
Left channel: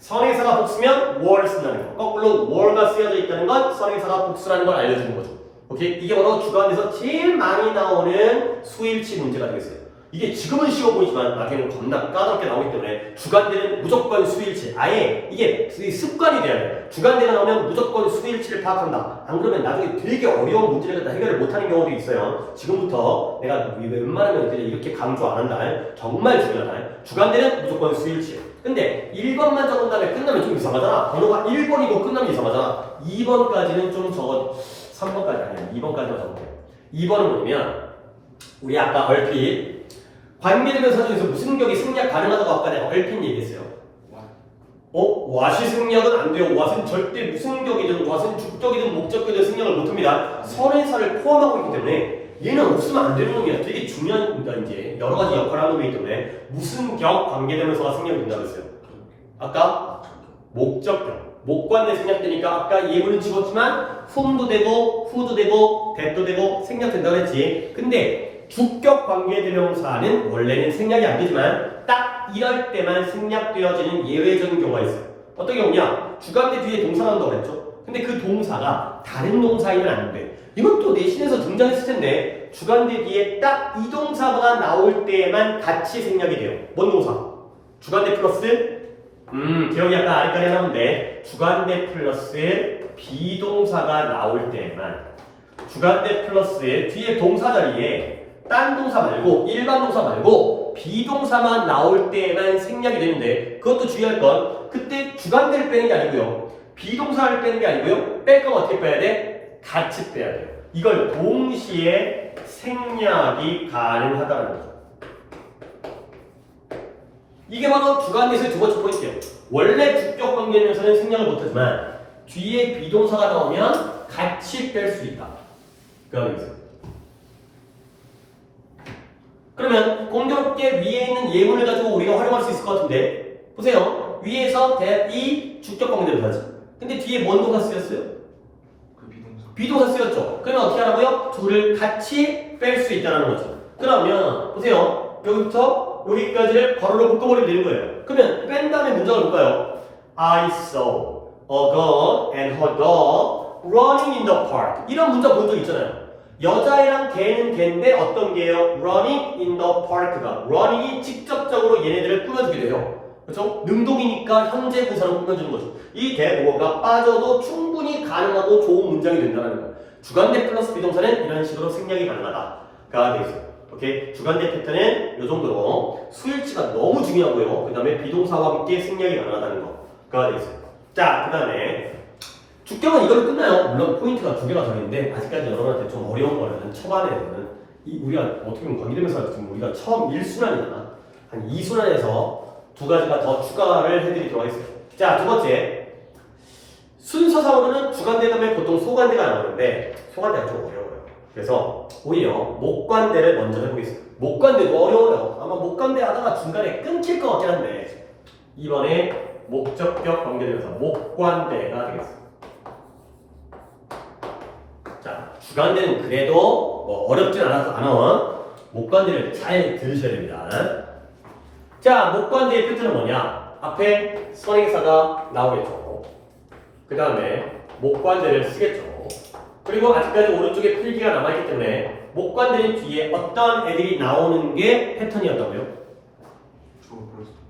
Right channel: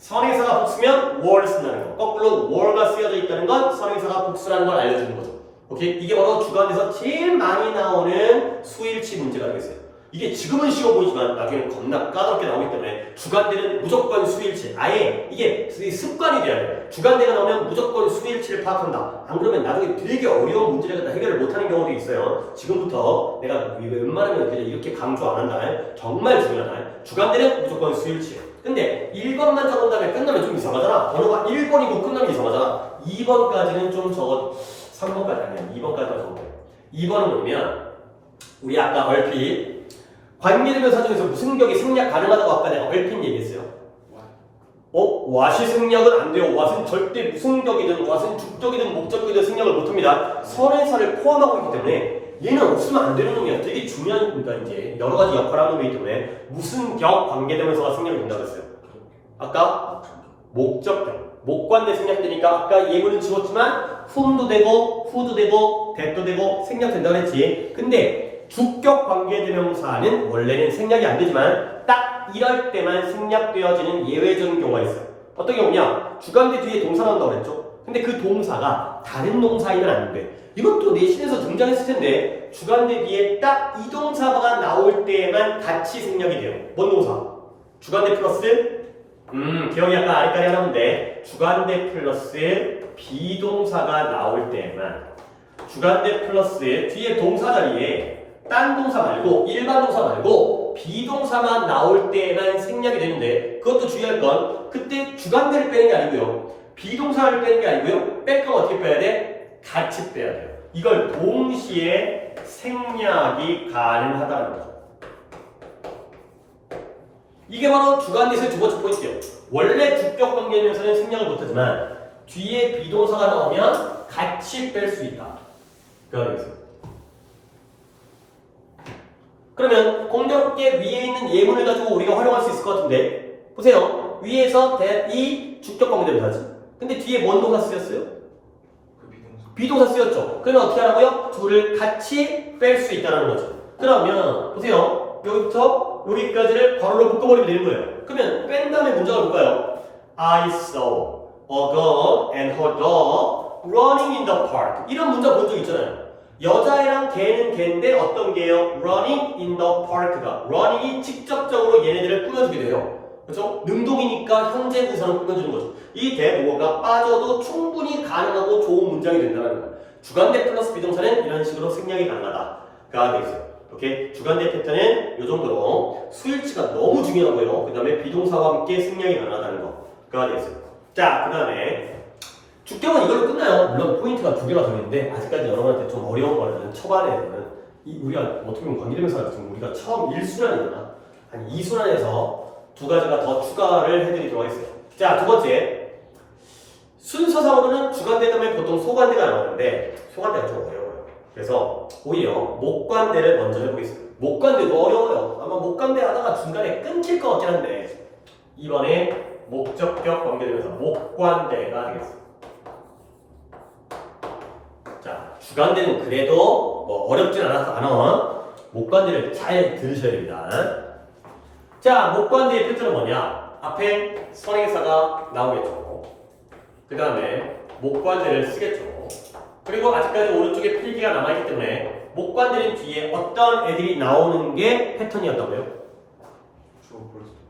선행사가 복수면 were를 쓴다는 거. 거꾸로 were가 쓰여져 있다는 건 선행사가 복수라는 걸 알려주는 거죠. 오케이? 이게 바로 주관에서 제일 많이 나오는 수일치 문제가 되겠어요. 이게 지금은 쉬워 보이지만 나중에는 겁나 까다롭게 나오기 때문에 주관대는 무조건 수일치. 아예 이게 습관이 돼야 돼요. 주관대가 나오면 무조건 수일치를 파악한다. 안 그러면 나중에 되게 어려운 문제를 갖다 해결을 못하는 경우도 있어요. 지금부터 내가 웬만하면 이렇게 강조 안 한다. 정말 중요하다. 주관대는 무조건 수일치예요. 근데 1번만 적은 다음에 끝나면 좀 이상하잖아. 번호가 1번이고 끝나면 이상하잖아. 2번까지는 좀 적어. 3번까지 아니야. 2번까지만 적어. 2번은 뭐냐면 우리 아까 얼핏 관계대명사 중에서 무슨 격이 생략 가능하다고 아까 내가 얼핏 얘기했어요. what이 생략은 안 돼요. what은 절대 무슨 격이든 what은 주격이든 목적격이든 생략을 못합니다. 선행사를 포함하고 있기 때문에 얘는 없으면 안 되는 놈이야. 되게 중요한 거니까 이제 여러 가지 역할을 하는 거기 때문에 무슨 격 관계대명사가 생략이 된다고 했어요. 아까 목적격. 목관대 생략되니까 아까 예문은 찍었지만 whom도 되고 who도 되고 that도 되고 생략된다고 했지. 근데 주격 관계대명사는 원래는 생략이 안 되지만 딱 이럴 때만 생략되어지는 예외적인 경우가 있어요. 어떤 경우냐? 주관대 뒤에 동사가 나온다고 했죠. 근데 그 동사가 다른 동사이면 안 돼. 이것도 내신에서 등장했을 텐데 주관대 뒤에 딱 이 동사가 나올 때만 같이 생략이 돼요. 뭔 동사? 주관대 플러스 기억이 약간 아리까리 하는데 주관대 플러스 비동사가 나올 때만 주관대 플러스 뒤에 동사 자리에 딴 동사 말고 일반 동사 말고 비동사만 나올 때만 생략이 되는데 그것도 주의할 건 그때 주관대를 빼는 게 아니고요. 비동사를 빼는 게 아니고요. 뺄 건 어떻게 빼야 돼? 같이 빼야 돼요. 이걸 동시에 생략이 가능하다는 거죠. 이게 바로 주관대에서의 두 번째 포인트예요. 원래 주격 관계면서는 생략을 못하지만 뒤에 비동사가 나오면 같이 뺄 수 있다. 그거겠어요. 그러면 공교롭게 위에 있는 예문을 가지고 우리가 활용할 수 있을 것 같은데 보세요. 위에서 이 주격 관계대명사지. 근데 뒤에 뭔 동사 쓰였어요? 비동사 쓰였죠. 그러면 어떻게 하라고요? 둘을 같이 뺄 수 있다는 거죠. 그러면 보세요. 여기부터 여기까지를 괄호로 묶어버리면 되는 거예요. 그러면 뺀 다음에 문장을 볼까요? I saw a girl and her dog running in the park. 이런 문장 본 적 있잖아요. 여자애랑 걔는 걔인데 어떤 게요? running in the park가 running이 직접적으로 얘네들을 꾸며주게 돼요. 그렇죠? 능동이니까 현재 분사로 꾸며주는 거죠. 이 대동어가 빠져도 충분히 가능하고 좋은 문장이 된다는 거예요. 주관대 플러스 비동사는 이런 식으로 생략이 가능하다가 되겠어요. 오케이? 주관대 패턴은 이 정도로 수일치가 너무 중요하고요. 그 다음에 비동사와 함께 생략이 가능하다는 거가 되겠어요. 자, 그 다음에 주격은 이걸로 끝나요. 물론 포인트가 두 개가 더 있는데 아직까지 여러분한테 좀 어려운 거는 초반에는 우리가 어떻게 보면 관계대명사 지금 우리가 처음 1순환이잖아. 한 2순환에서 두 가지가 더 추가를 해드리도록 하겠습니다. 자, 두 번째. 순서상으로는 주관대 다음에 보통 소관대가 나오는데 소관대가 좀 어려워요. 그래서 오히려 목관대를 먼저 해보겠습니다. 목관대도 어려워요. 아마 목관대 하다가 중간에 끊길 것 같긴 한데 이번에 목적격 관계대명사 목관대가 되겠습니다. 자, 주관대는 그래도 뭐 어렵진 않아. 목관대를 잘 들으셔야 됩니다. 자, 목관대의 패턴은 뭐냐? 앞에 선행사가 나오겠죠. 그 다음에 목관대를 쓰겠죠. 그리고 아직까지 오른쪽에 필기가 남아있기 때문에 목관대는 뒤에 어떤 애들이 나오는 게 패턴이었다고요?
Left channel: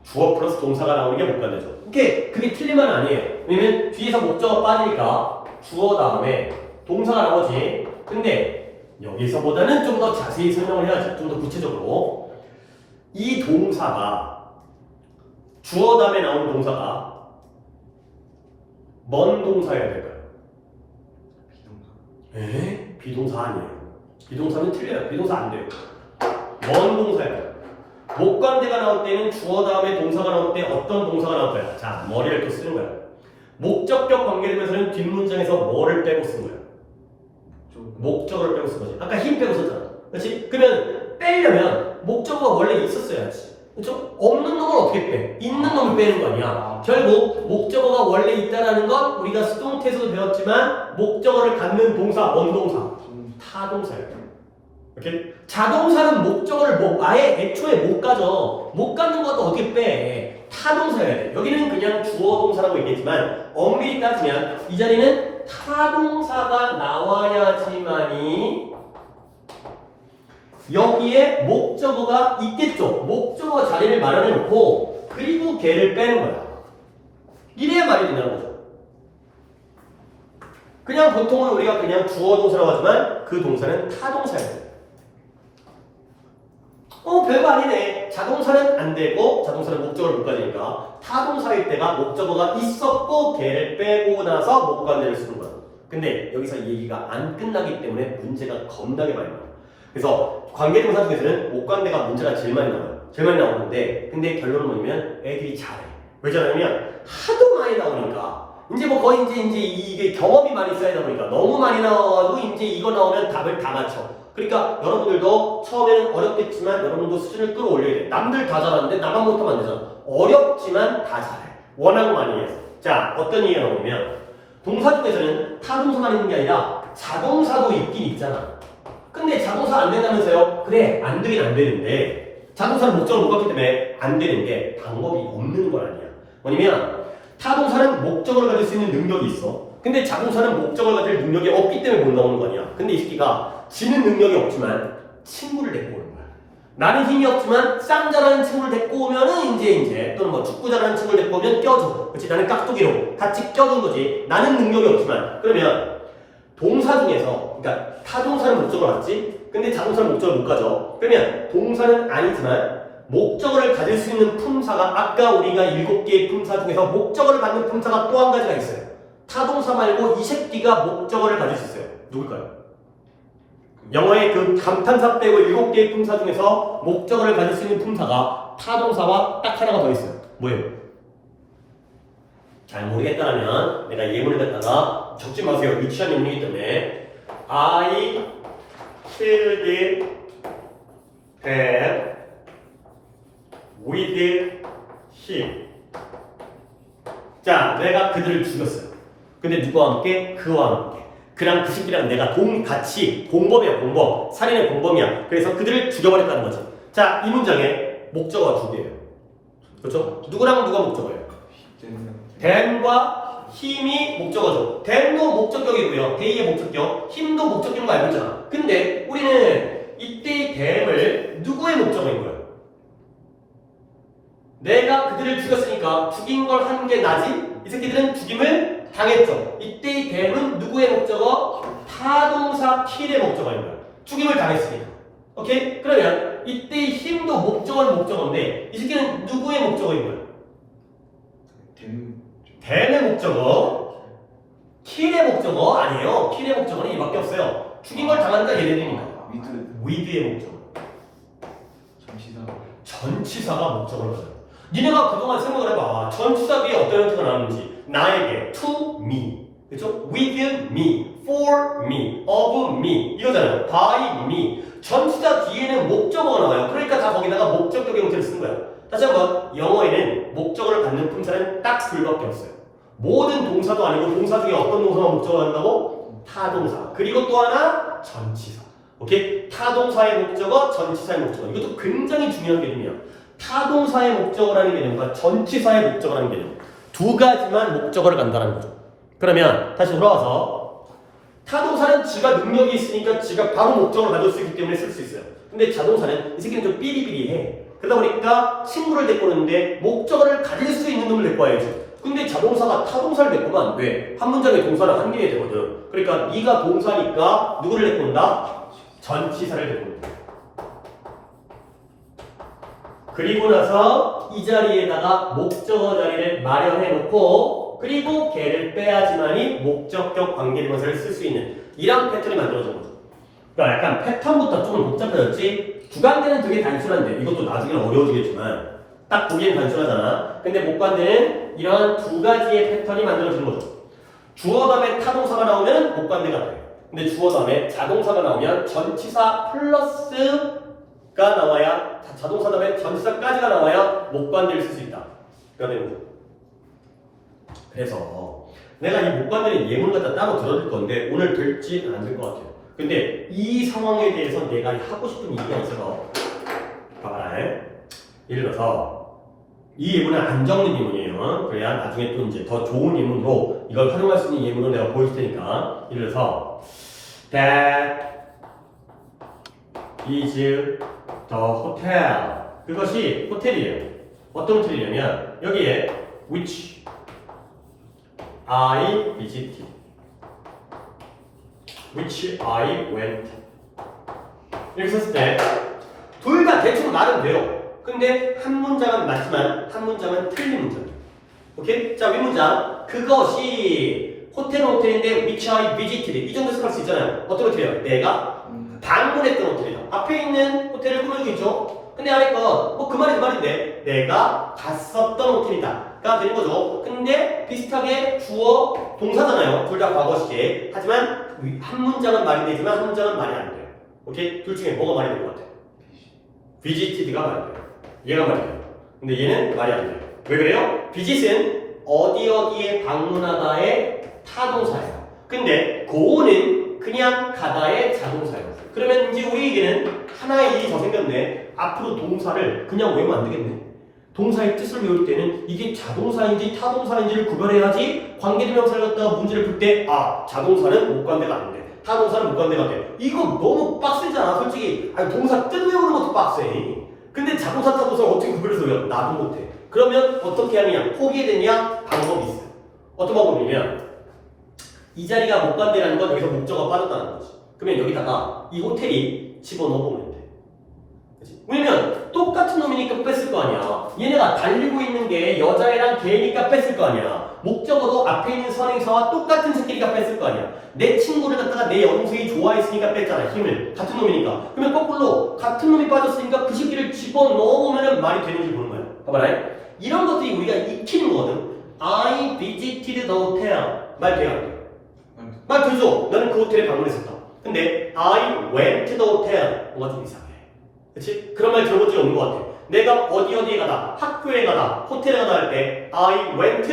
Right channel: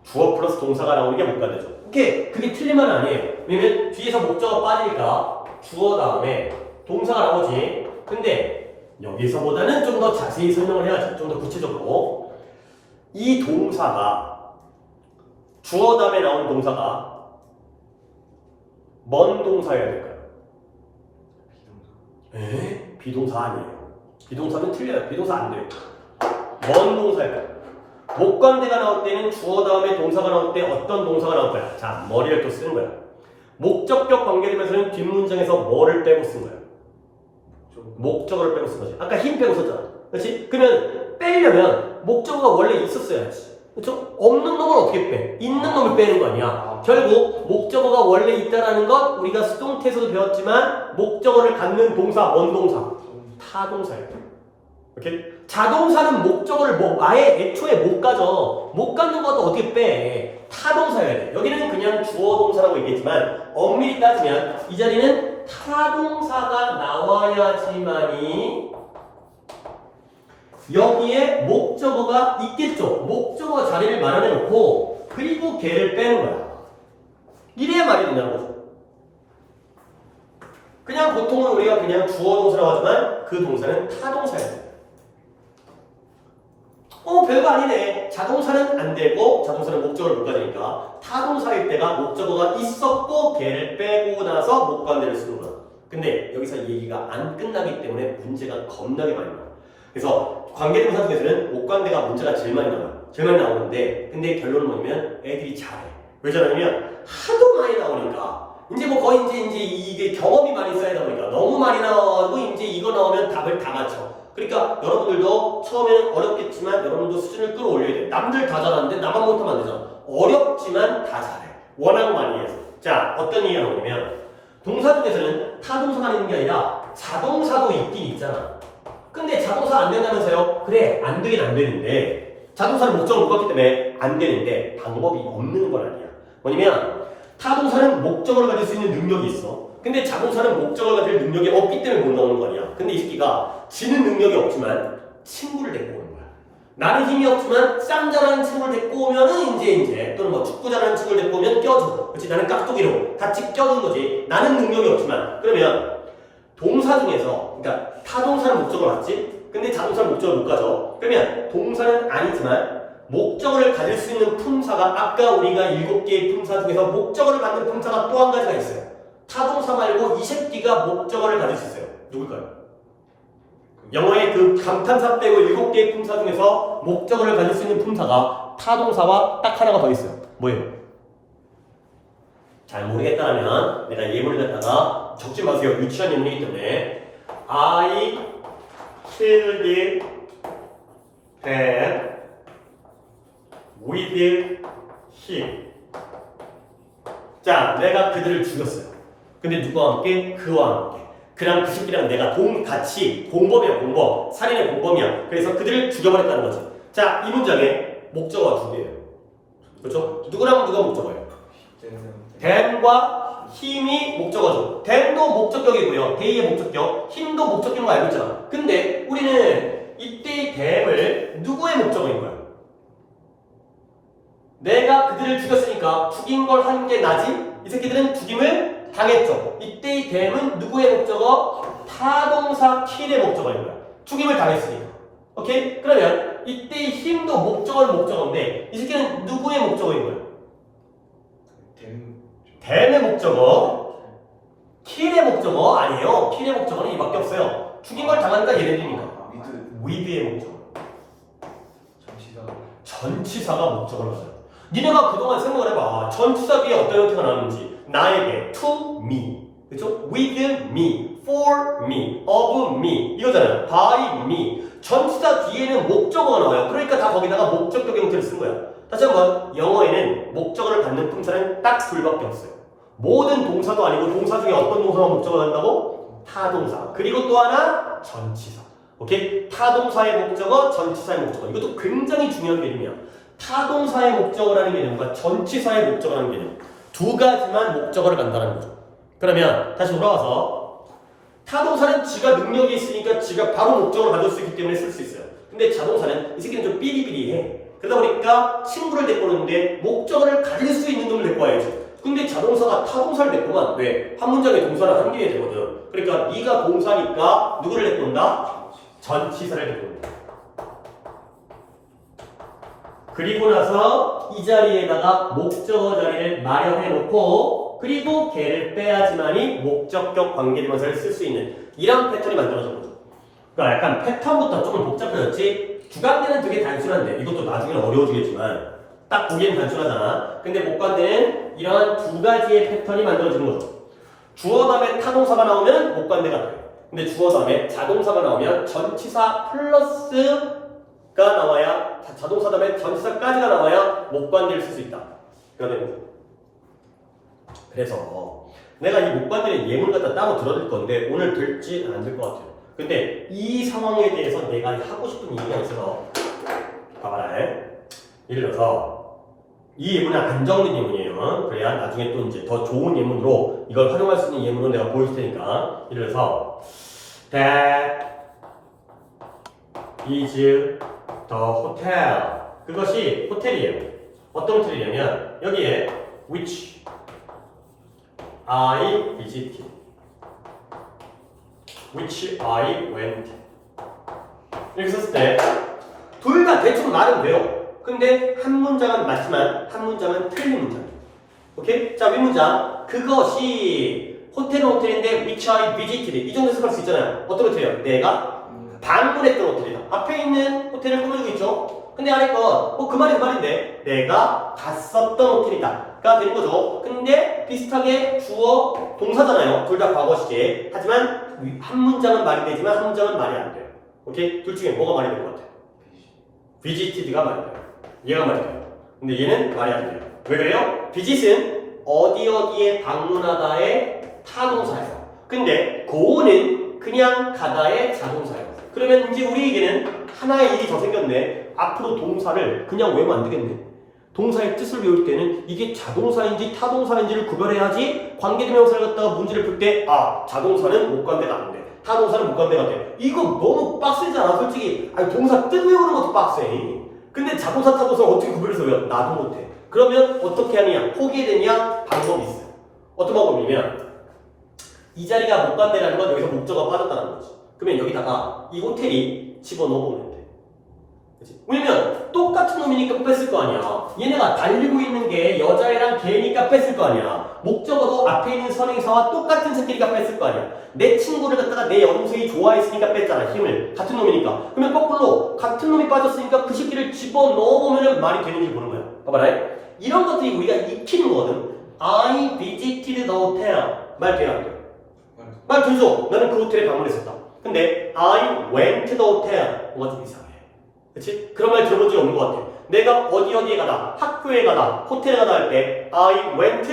주어 플러스 동사가 나오는 게 목관대죠. 그게 틀린 말은 아니에요. 왜냐면 뒤에서 목적어가 빠지니까 주어 다음에 동사가 나오지. 근데 여기서보다는 좀 더 자세히 설명을 해야지. 좀 더 구체적으로. 이 동사가 주어 다음에 나오는 동사가 뭔 동사여야 될까요? 비동사 아니에요. 비동사는 틀려요. 비동사 안 돼요. 뭔 동사예요? 목관대가 나올 때는 주어 다음에 동사가 나올 때 어떤 동사가 나올까요? 자, 머리를 또 쓰는 거예요. 목적격 관계되면서는 뒷문장에서 뭐를 빼고 쓴 거예요? 목적어를 빼고 쓴 거지. 아까 힘 빼고 썼잖아. 그렇지? 그러면 빼려면 목적어가 원래 있었어야지. 그렇죠? 없는 놈을 어떻게 빼? 있는 놈을 빼는 거 아니야. 결국 목적어가 원래 있다라는 건 우리가 수동태에서도 배웠지만 목적어를 갖는 동사, 원동사, 타동사예요. 오케이? 자동사는 목적어를 아예 애초에 못 가져. 못 갖는 것도 어떻게 빼? 타동사여야 돼. 여기는 그냥 주어 동사라고 얘기했지만 엄밀히 따지면 이 자리는 타동사가 나와야지만이 여기에 목적어가 있겠죠. 목적어 자리를 마련해 놓고 그리고 걔를 빼는 거야. 이래야 말이 된다는 거죠. 그냥 보통은 우리가 그냥 주어 동사라고 하지만 그 동사는 타동사예요. 별거 아니네. 자동사는 안 되고 자동사는 목적어를 못 가지니까 타동사일 때가 목적어가 있었고 걔를 빼고 나서 목관대를 쓰는 거야. 근데 여기서 얘기가 안 끝나기 때문에 문제가 겁나게 많이 나와. 그래서 관계동사 중에서는 목관대가 문제가 제일 많이 나와요. 제일 많이 나오는데 근데 결론은 뭐냐면 애들이 잘해. 왜 잘하냐면 하도 많이 나오니까 이제 뭐 거의 이제 이게 경험이 많이 쌓이다 보니까 너무 많이 나와가지고 이제 이거 나오면 답을 다 맞춰. 그러니까 여러분들도 처음에는 어렵겠지만 여러분도 수준을 끌어올려야 돼. 남들 다 잘하는데 나만 못하면 안 되잖아. 어렵지만 다 잘해. 워낙 많이 해서. 자, 어떤 얘기가 나오냐면 동사 중에서는 타동사만 있는 게 아니라 자동사도 있긴 있잖아. 근데 자동사 안 된다면서요? 그래, 안 되긴 안 되는데 자동사는 목적을 못 갖기 때문에 안 되는데 방법이 없는 건 아니야. 뭐냐면 타동사는 목적어를 가질 수 있는 능력이 있어. 근데 자동사는 목적어를 가질 능력이 없기 때문에 못 나오는 거 아니야. 근데 이 새끼가 지는 능력이 없지만 친구를 데리고 오는 거야. 나는 힘이 없지만 쌈 잘하는 친구를 데리고 오면은 이제 또는 뭐 축구 잘하는 친구를 데리고 오면 껴줘. 그렇지? 나는 깍두기로 같이 껴준 거지. 나는 능력이 없지만 그러면 동사 중에서 그러니까 타동사는 목적어를 갖지. 근데 자동사는 목적어를 못 가져. 그러면 동사는 아니지만 목적어를 가질 수 있는 품사가 아까 우리가 7개의 품사 중에서 목적어를 갖는 품사가 또 한 가지가 있어요. 타동사 말고 이 새끼가 목적어를 가질 수 있어요. 누굴까요? 영어의 그 감탄사 빼고 7개의 품사 중에서 목적어를 가질 수 있는 품사가 타동사와 딱 하나가 더 있어요. 뭐예요? 잘 모르겠다라면 내가 예문을 갖다가 적지 마세요. 유치한 예문이기 때문에 I killed him with him. 자, 내가 그들을 죽였어요. 근데 누구와 함께? 그와 함께. 그냥 그 새끼랑 내가 같이 공범이야, 공범. 살인의 공범이야. 그래서 그들을 죽여버렸다는 거지. 자, 이 문장에 목적어가 두 개예요. 그렇죠? 누구랑 누가 목적어예요? then과 힘이 목적어죠. then도 목적격이고요. they의 목적격, 힘도 목적격인 거 알고 있잖아. 근데 우리는 이때의 then을 누구의 목적어인 거예요? 내가 그들을 죽였으니까 죽인 걸 한 게 나지? 이 새끼들은 죽임을 당했죠. 이때의 then은 누구의 목적어? 타동사 kill의 목적어인 거예요. 죽임을 당했으니까. 오케이? 그러면 이때의 힘도 목적어는 목적어인데 이 새끼는 누구의 목적어인 거예요? then의 목적어, kill의 목적어 아니에요. kill의 목적어는 이밖에 없어요. 죽인 걸 당한다 얘네들이니까. with의 목적어. 전치사가 목적어를 가져요. 니네가 그동안 생각을 해봐. 전치사 뒤에 어떤 형태가 나오는지. 나에게, to me, 그렇죠? with me, for me, of me 이거잖아요. by me. 전치사 뒤에는 목적어가 나와요. 그러니까 다 거기다가 목적격의 형태를 쓴 거예요. 다시 한번 영어에는 목적어를 갖는 품사는 딱 둘밖에 없어요. 모든 동사도 아니고 동사 중에 어떤 동사가 목적어를 한다고? 타동사. 그리고 또 하나 전치사. 오케이? 타동사의 목적어, 전치사의 목적어. 이것도 굉장히 중요한 개념이야. 타동사의 목적어라는 개념과 전치사의 목적어라는 개념. 두 가지만 목적어를 간다는 거죠. 그러면 다시 돌아와서 타동사는 지가 능력이 있으니까 지가 바로 목적어를 가질 수 있기 때문에 쓸 수 있어요. 근데 자동사는 이 새끼는 좀 삐리삐리해. 그러다 보니까 친구를 데리고 오는데 목적어를 가질 수 있는 놈을 데리고 와야죠. 근데 자동사가 타동사를 데리고 오면 안 돼. 한 문장의 동사는 한 개에 되거든. 그러니까 네가 동사니까 누구를 데리고 온다? 전치사를 데리고 온다. 그리고 나서 이 자리에다가 목적어 자리를 마련해 놓고 그리고 걔를 빼야지만이 목적격 관계대명사를 쓸 수 있는 이런 패턴이 만들어진 거죠. 그러니까 약간 패턴부터 조금 복잡해졌지 주관대는 되게 단순한데 이것도 나중에는 어려워지겠지만 딱 보기엔 단순하잖아. 근데 목관대는 이런 두 가지의 패턴이 만들어지는 거죠. 주어 다음에 타동사가 나오면 목관대가 나와요. 근데 주어 다음에 자동사가 나오면 전치사 플러스가 나와야 자동사 다음에 전치사까지가 나와야 목관대를 쓸 수 있다. 그래서 내가 이 목관대는 예문 갖다 따로 들어줄 건데 오늘 될지 안 될 것 같아요. 근데 이 상황에 대해서 내가 하고 싶은 얘기가 있어서 봐봐라. 예를 들어서 이 예문은 안 적는 예문이에요. 그래야 나중에 또 이제 더 좋은 예문으로 이걸 활용할 수 있는 예문을 내가 보여줄 테니까. 예를 들어서 That is the hotel. 그것이 호텔이에요. 어떤 호텔이냐면 여기에 which I visited, which I went. 이렇게 썼을 때 둘 다 대충 말은 돼요. 근데 한 문장은 맞지만 한 문장은 틀린 문장. 오케이? 자, 윗문장. 그것이 호텔인데 which I visited. 이 정도 생각할 수 있잖아요. 어떤 호텔이에요? 내가 방문했던 호텔이다. 앞에 있는 호텔을 꾸며주고 있죠. 근데 안에 건 그 말이 그 말인데 내가 갔었던 호텔이다 가 되는 거죠. 근데 비슷하게 주어 동사잖아요. 둘 다 과거 시제. 하지만 한 문장은 말이 되지만 한 문장은 말이 안 돼요. 오케이? 둘 중에 뭐가 말이 될 것 같아? visited가 말이 돼요. 얘가 말이 돼요. 근데 얘는 말이 안 돼요. 왜 그래요? visit은 어디에 방문하다의 타동사예요. 근데 go는 그냥 가다의 자동사예요. 그러면 이제 우리에게는 하나의 일이 더 생겼네. 앞으로 동사를 그냥 외우면 안 되겠네. 동사의 뜻을 외울 때는 이게 자동사인지 타동사인지를 구별해야지 관계대명사를 갖다가 문제를 풀 때 자동사는 목관대가 안 돼. 타동사는 목관대가 돼. 이거 너무 빡세잖아. 솔직히 동사 뜻 외우는 것도 빡세. 근데 자동사 타동사를 어떻게 구별해서 외워? 나도 못해. 그러면 어떻게 하느냐? 포기되냐? 방법이 있어요. 어떤 방법이냐면 이 자리가 목관대라는 건 여기서 목적어가 빠졌다는 거지. 그러면 여기다가 이 호텔이 집어넣어보면 돼. 그치? 왜냐면 똑같은 놈이니까 뺐을 거 아니야. 얘네가 달리고 있는 게 여자애랑 걔니까 뺐을 거 아니야. 목적어도 앞에 있는 선행사와 똑같은 새끼가 뺐을 거 아니야. 내 친구를 갖다가 내 여동생이 좋아했으니까 뺐잖아. 힘을. 같은 놈이니까. 그러면 거꾸로 같은 놈이 빠졌으니까 그 새끼를 집어넣어보면 말이 되는지 보는 거야. 봐봐라. 이런 것들이 우리가 익히는 거거든. I visited the hotel. 말 돼요 안 돼? 말 되죠? 나는 그 호텔에 방문했었다. 근데 I went to the hotel. 뭐가 좀 이상해. 그치? 그런 말 들어본 적이 없는 것 같아. 내가 어디에 가다, 학교에 가다, 호텔에 가다 할 때 I went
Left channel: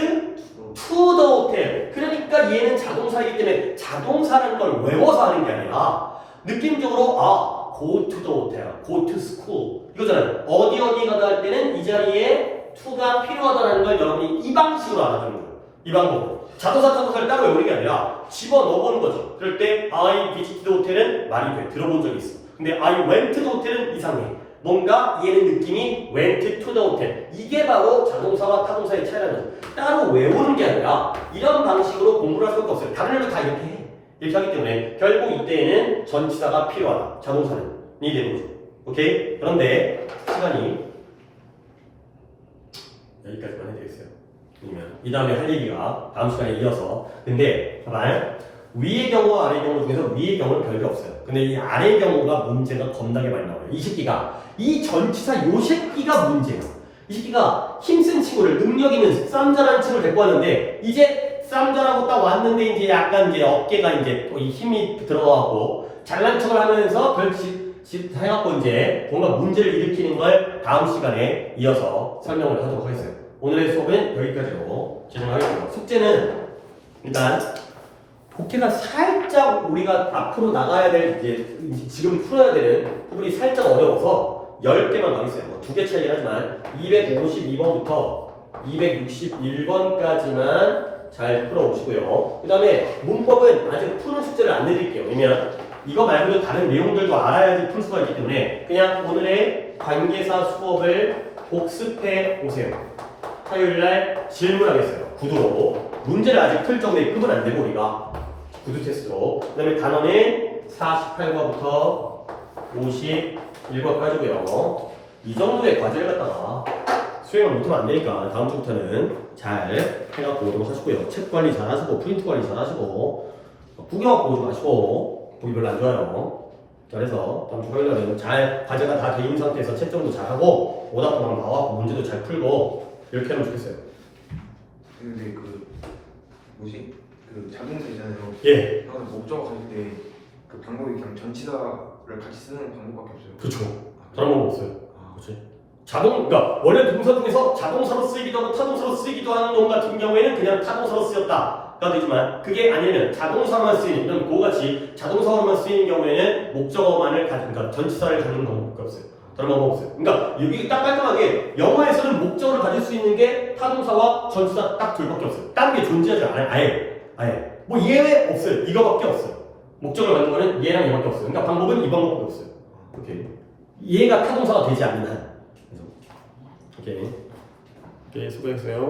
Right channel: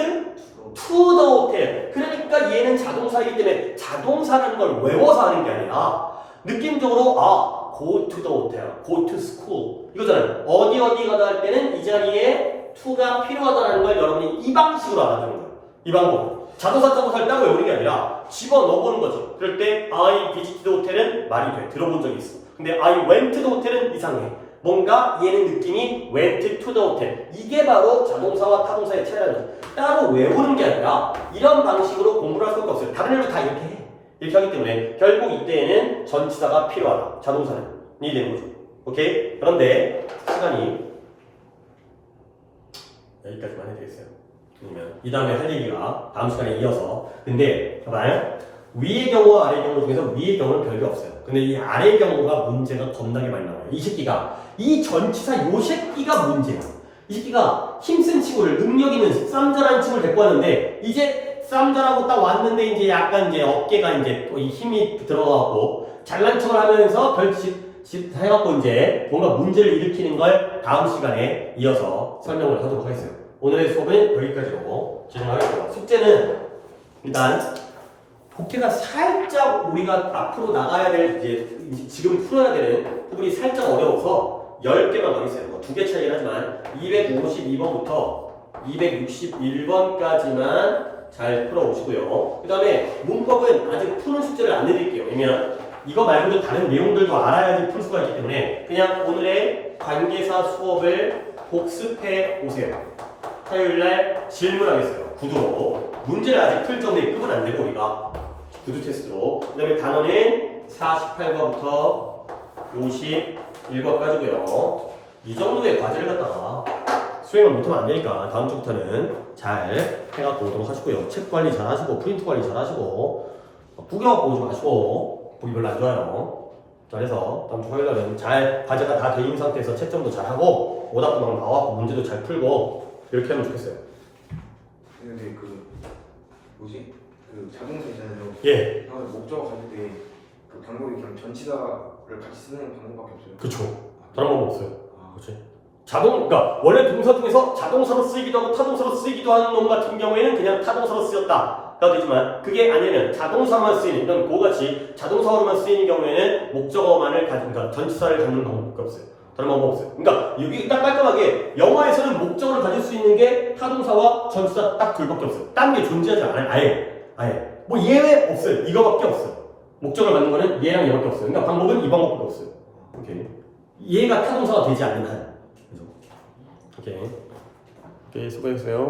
to the hotel. 그러니까 얘는 자동사이기 때문에 자동사라는 걸 외워서 하는 게 아니라 느낌적으로 go to the hotel, go to school 이거잖아요. 어디 가다 할 때는 이 자리에 to가 필요하다는 걸 여러분이 이 방식으로 알아주는 거예요. 이 방법으로. 자동사 타동사를 따로 외우는 게 아니라 집어넣어보는 거죠. 그럴 때 I visited the hotel은 말이 돼. 들어본 적이 있어. 근데 I went to the hotel은 이상해. 뭔가 얘는 느낌이 went to the hotel. 이게 바로 자동사와 타동사의 차이라는 거죠. 따로 외우는 게 아니라 이런 방식으로 공부를 할 수가 없어요. 다른 애들 다 이렇게 해. 이렇게 하기 때문에 결국 이때에는 전치사가 필요하다. 자동사는 이 되는 거죠. 오케이? 그런데 시간이 여기까지만 해드리겠어요. 이 다음에 할 얘기가 다음 시간에 이어서. 근데 봐봐요. 위의 경우와 아래의 경우 중에서 위의 경우는 별게 없어요. 근데 이 아래의 경우가 문제가 겁나게 많이 나와요. 이 새끼가 이 전치사 요 새끼가 문제야. 이 새끼가 힘쓴 친구를 능력 있는 쌈자라는 친구를 데리고 왔는데 이제 쌈자라고 딱 왔는데 이제 약간 이제 어깨가 이제 또 이 힘이 들어가고 잘난 척을 하면서 별짓 해갖고 이제 뭔가 문제를 일으키는 걸 다음 시간에 이어서 설명을 하도록 하겠어요. 오늘의 수업은 여기까지로 진행하겠습니다. 숙제는 일단 복귀가 살짝 우리가 앞으로 나가야 될 이제 지금 풀어야 되는 부분이 살짝 어려워서 10개만 더 있어요. 뭐 2개 차이긴 하지만 252번부터 261번까지만 잘 풀어오시고요. 그 다음에 문법은 아직 푸는 숙제를 안 내드릴게요. 왜냐면 이거 말고도 다른 내용들도 알아야지 풀 수가 있기 때문에 그냥 오늘의 관계사 수업을 복습해 오세요. 토요일날 질문하겠어요. 구두로. 문제를 아직 풀 정도의 급은 안 되고 우리가 구두 테스트로. 그 다음에 단어는 48과부터 51과까지고요. 이 정도의 과제를 갖다가 수행을 못하면 안 되니까 다음 주부터는 잘 해갖고 오도록 하시고요. 책 관리 잘 하시고 프린트 관리 잘 하시고 구경 보지 마시고 보기 별로 안 좋아요. 그래서 다음 주 화요일날은 잘 과제가 다 돼 있는 상태에서 채점도 잘 하고 오답도만 나와서 문제도 잘 풀고 이렇게 하면 좋겠어요. 근데 뭐지? 자동차 있잖아요. 예. 목적어 가질 때 그 방법이 그냥 전치사를 같이 쓰는 방법밖에 없어요. 그렇죠. 다른 방법 없어요. 그렇지. 그러니까 원래 동사 중에서 자동사로 쓰이기도 하고 타동사로 쓰이기도 하는 놈 같은 경우에는 그냥 타동사로 쓰였다. 되지만 그게 아니면 자동사만 쓰이는, 그러니까 그거같이 자동사로만 쓰이는 경우에는 목적어만을 그러니까 전치사를 갖는 방법밖에 없어요. 다른 방법 없어요. 그러니까 여기 딱 깔끔하게 영어에서는 목적어를 가질 수 있는 게 타동사와 전치사 딱 둘밖에 없어요. 다른 게 존재하지 않아요. 아예. 뭐 예외 없어요. 이거밖에 없어요. 목적어를 갖는 거는 얘랑 얘밖에 없어요. 그러니까 방법은 이 방법밖에 없어요. 오케이. 얘가 타동사가 되지 않는 한. 오케이. 수고했어요.